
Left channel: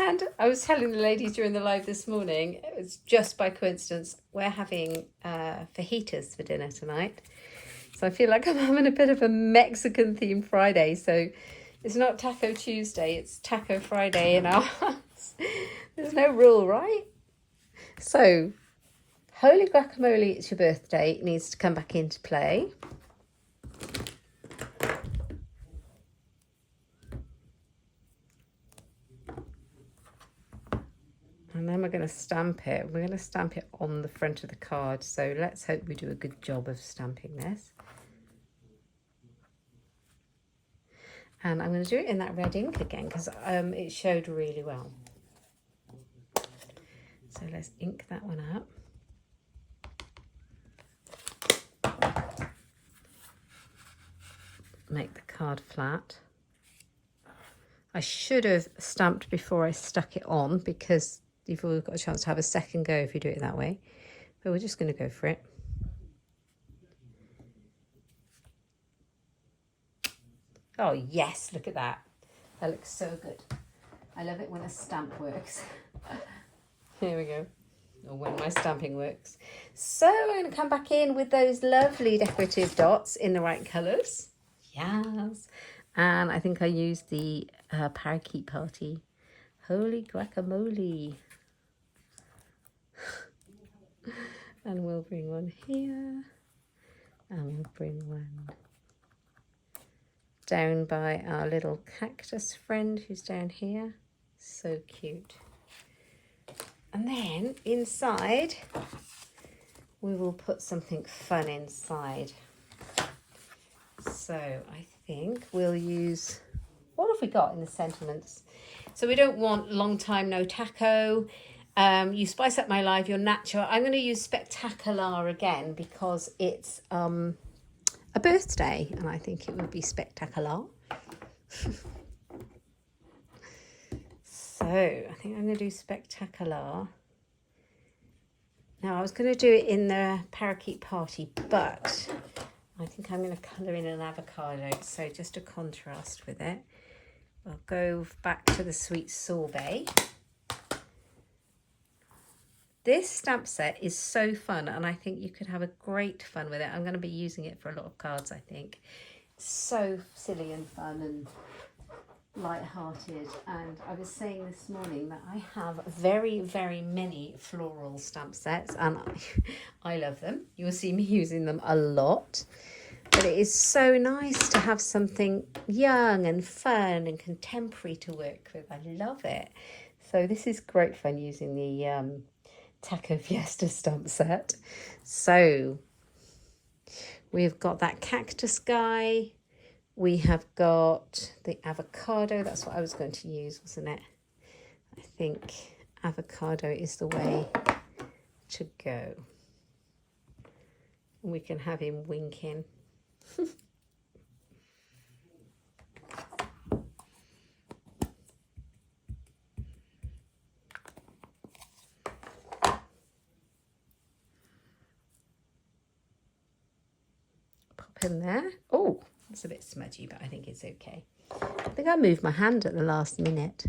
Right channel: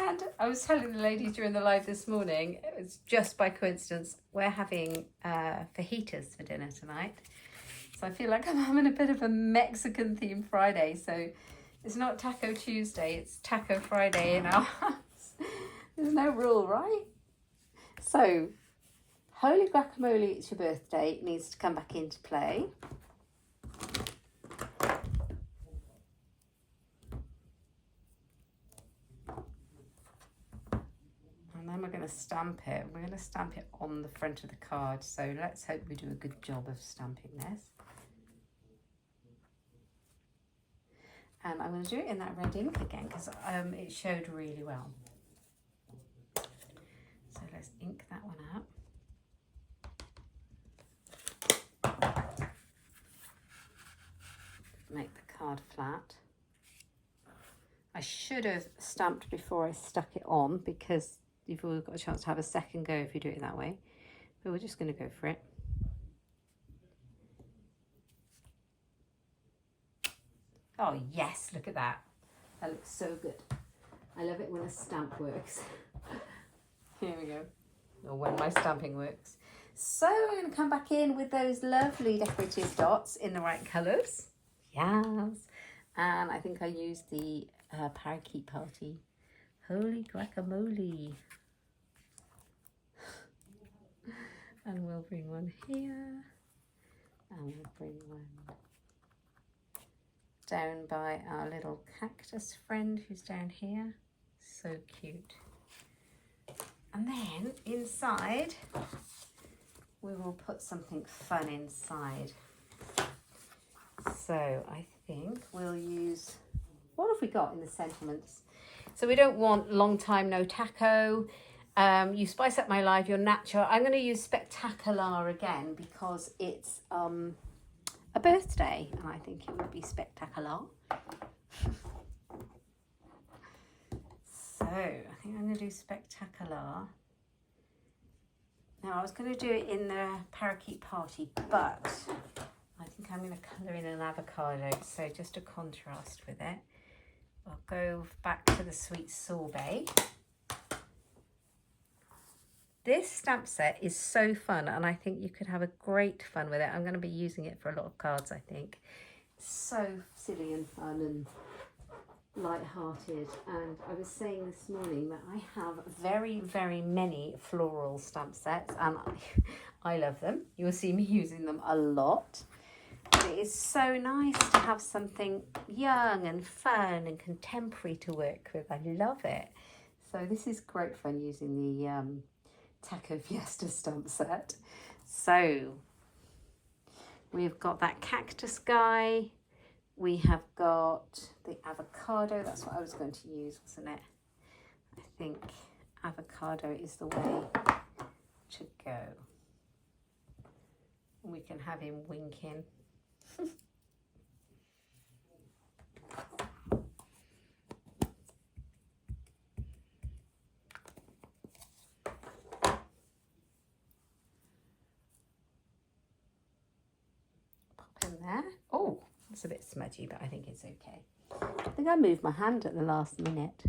And I was telling the ladies during the live this morning, it was just by coincidence, we're having fajitas for dinner tonight. So I feel like I'm having a bit of a Mexican themed Friday. So it's not Taco Tuesday, it's Taco Friday in our house. There's no rule, right? So, holy guacamole, it's your birthday. It needs to come back into play. And then we're going to stamp it. We're going to stamp it on the front of the card. So let's hope we do a good job of stamping this. And I'm going to do it in that red ink again because it showed really well. So let's ink that one up. Make the card flat. I should have stamped before I stuck it on because you've always got a chance to have a second go if you do it that way. But we're just going to go for it. Oh yes, look at that. That looks so good. I love it when a stamp works. Here we go. Or when my stamping works. So I'm going to come back in with those lovely decorative dots in the right colours. Yes. And I think I used the Parakeet Party. Holy guacamole. And we'll bring one here. And we'll bring one down by our little cactus friend who's down here. So cute. And then inside we will put something fun inside. So I think we'll use, what have we got in the sentiments? So we don't want long time no taco. You spice up my life, you're natural. I'm going to use spectacular again because it's a birthday and I think it would be spectacular. So I think I'm going to do spectacular. Now I was going to do it in the parakeet party, but I think I'm going to colour in an avocado, so just a contrast with it. I'll go back to the sweet sorbet. This stamp set is so fun and I think you could have a great fun with it. I'm going to be using it for a lot of cards, I think. It's so silly and fun and light-hearted. And I was saying this morning that I have very, very many floral stamp sets and I love them. You'll see me using them a lot. But it is so nice to have something young and fun and contemporary to work with. I love it. So this is great fun using the Taco Fiesta stamp set. So we've got that cactus guy. We have got the avocado. That's what I was going to use, wasn't it? I think avocado is the way to go. We can have him winking. Pop in there. Oh, it's a bit smudgy, but I think it's okay. I think I moved my hand at the last minute.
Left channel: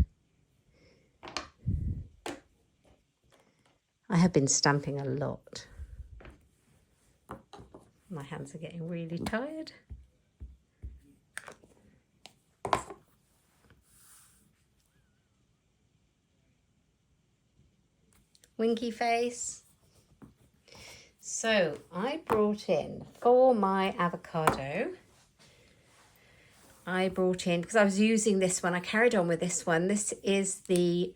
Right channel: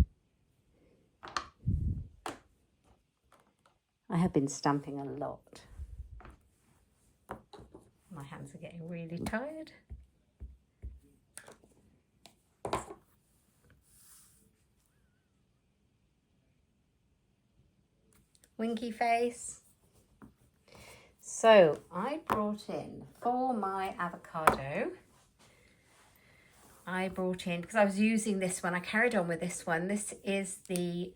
I have been stamping a lot. My hands are getting really tired. Winky face. So I brought in for my avocado, I brought in, because I was using this one, I carried on with this one. This is the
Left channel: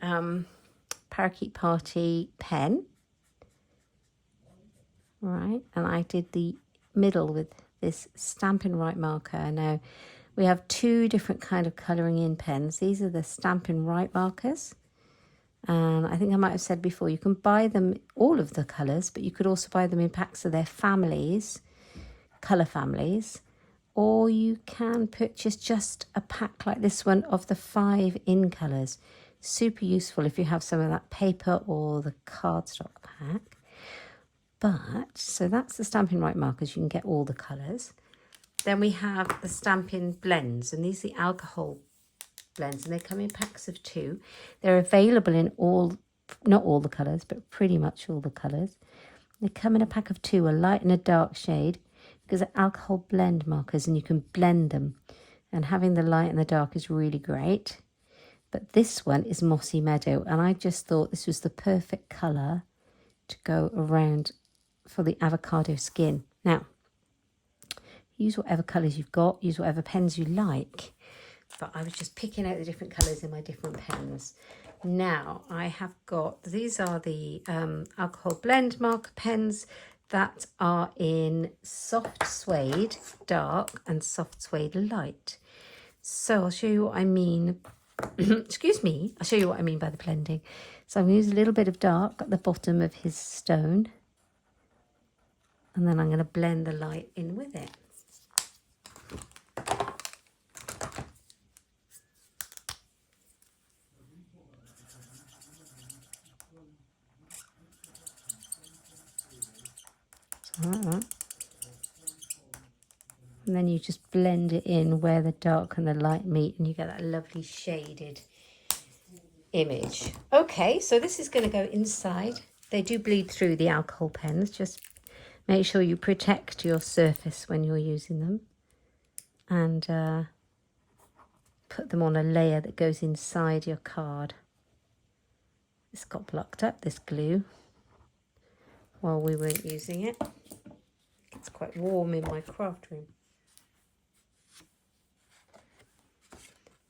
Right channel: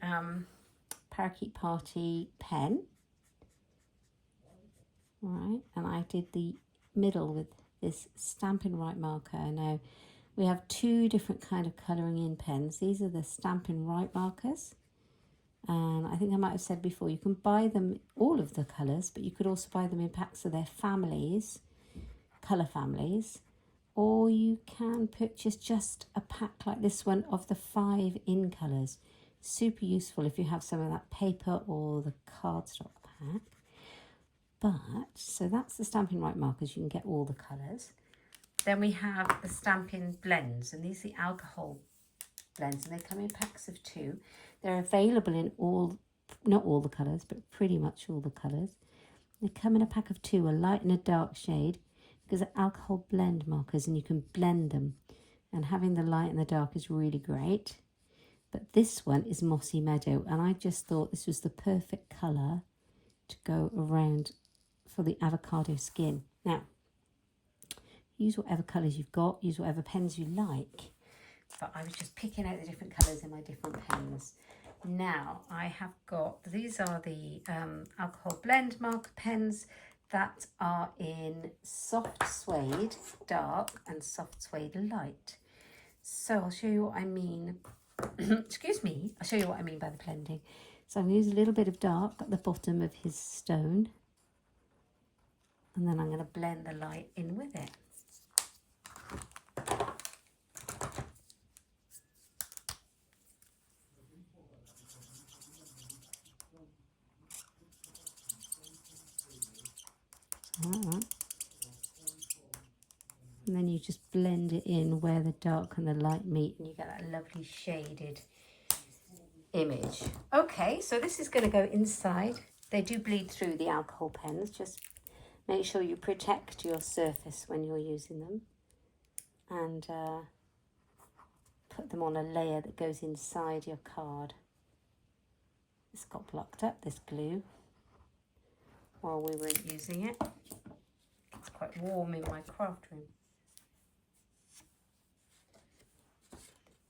Parakeet Party pen. Right, and I did the middle with this Stampin' Right marker. Now, we have two different kind of colouring in pens. These are the Stampin' Right markers. And I think I might have said before, you can buy them, all of the colours, but you could also buy them in packs of their families, colour families. Or you can purchase just a pack like this one of the 5 in colours. Super useful if you have some of that paper or the cardstock pack. But, so that's the Stampin' Right markers, you can get all the colours. Then we have the Stampin' Blends, and these are the alcohol blends, and they come in packs of 2. They're available in all, not all the colours, but pretty much all the colours. They come in a pack of 2, a light and a dark shade, because they're alcohol blend markers and you can blend them. And having the light and the dark is really great. But this one is Mossy Meadow, and I just thought this was the perfect colour to go around for the avocado skin. Now, use whatever colours you've got, use whatever pens you like. But I was just picking out the different colours in my different pens. Now, I have got, these are the alcohol blend marker pens that are in soft suede dark and soft suede light. So I'll show you what I mean. Excuse me, I'll show you what I mean by the blending. So I'm going to use a little bit of dark at the bottom of his stone. And then I'm going to blend the light in with it. And then you just blend it in where the dark and the light meet, and you get that lovely shaded image. Okay, so this is going to go inside. They do bleed through the alcohol pens. Just make sure you protect your surface when you're using them, and put them on a layer that goes inside your card. This got blocked up, this glue, while we weren't using it. It's quite warm in my craft room.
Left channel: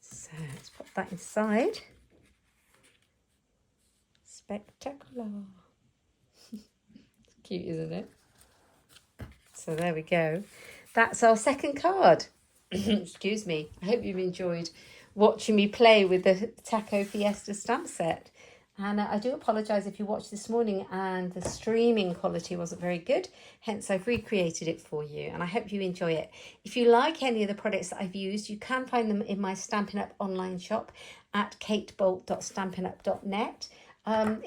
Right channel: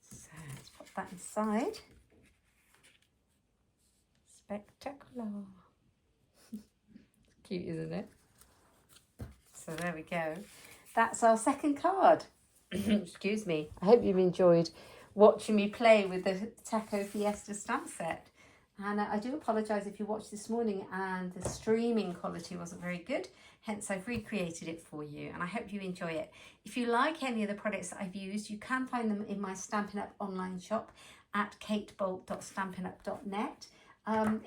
So let's put that inside. Spectacular. It's cute, isn't it? So there we go. That's our second card. Excuse me. I hope you've enjoyed watching me play with the Taco Fiesta stamp set. And I do apologise if you watched this morning and the streaming quality wasn't very good. Hence, I've recreated it for you. And I hope you enjoy it. If you like any of the products that I've used, you can find them in my Stampin' Up online shop at katebolt.stampinup.net.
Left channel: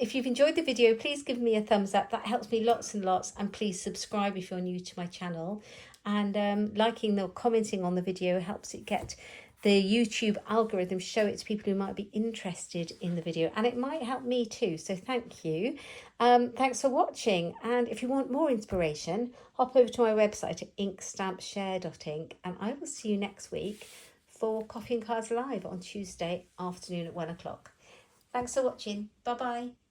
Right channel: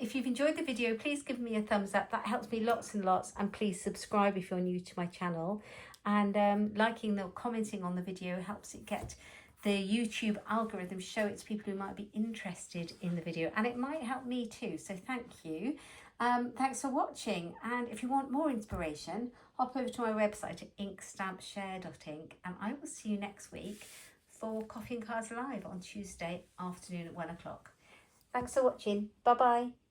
If you've enjoyed the video, please give me a thumbs up. That helps me lots and lots. And please subscribe if you're new to my channel. And liking or commenting on the video helps it get the YouTube algorithm, show it to people who might be interested in the video, and it might help me too, so thank you. Thanks for watching, and if you want more inspiration, hop over to my website at inkstampshare.ink, and I will see you next week for Coffee and Cards Live on Tuesday afternoon at 1 o'clock. Thanks for watching. Bye bye.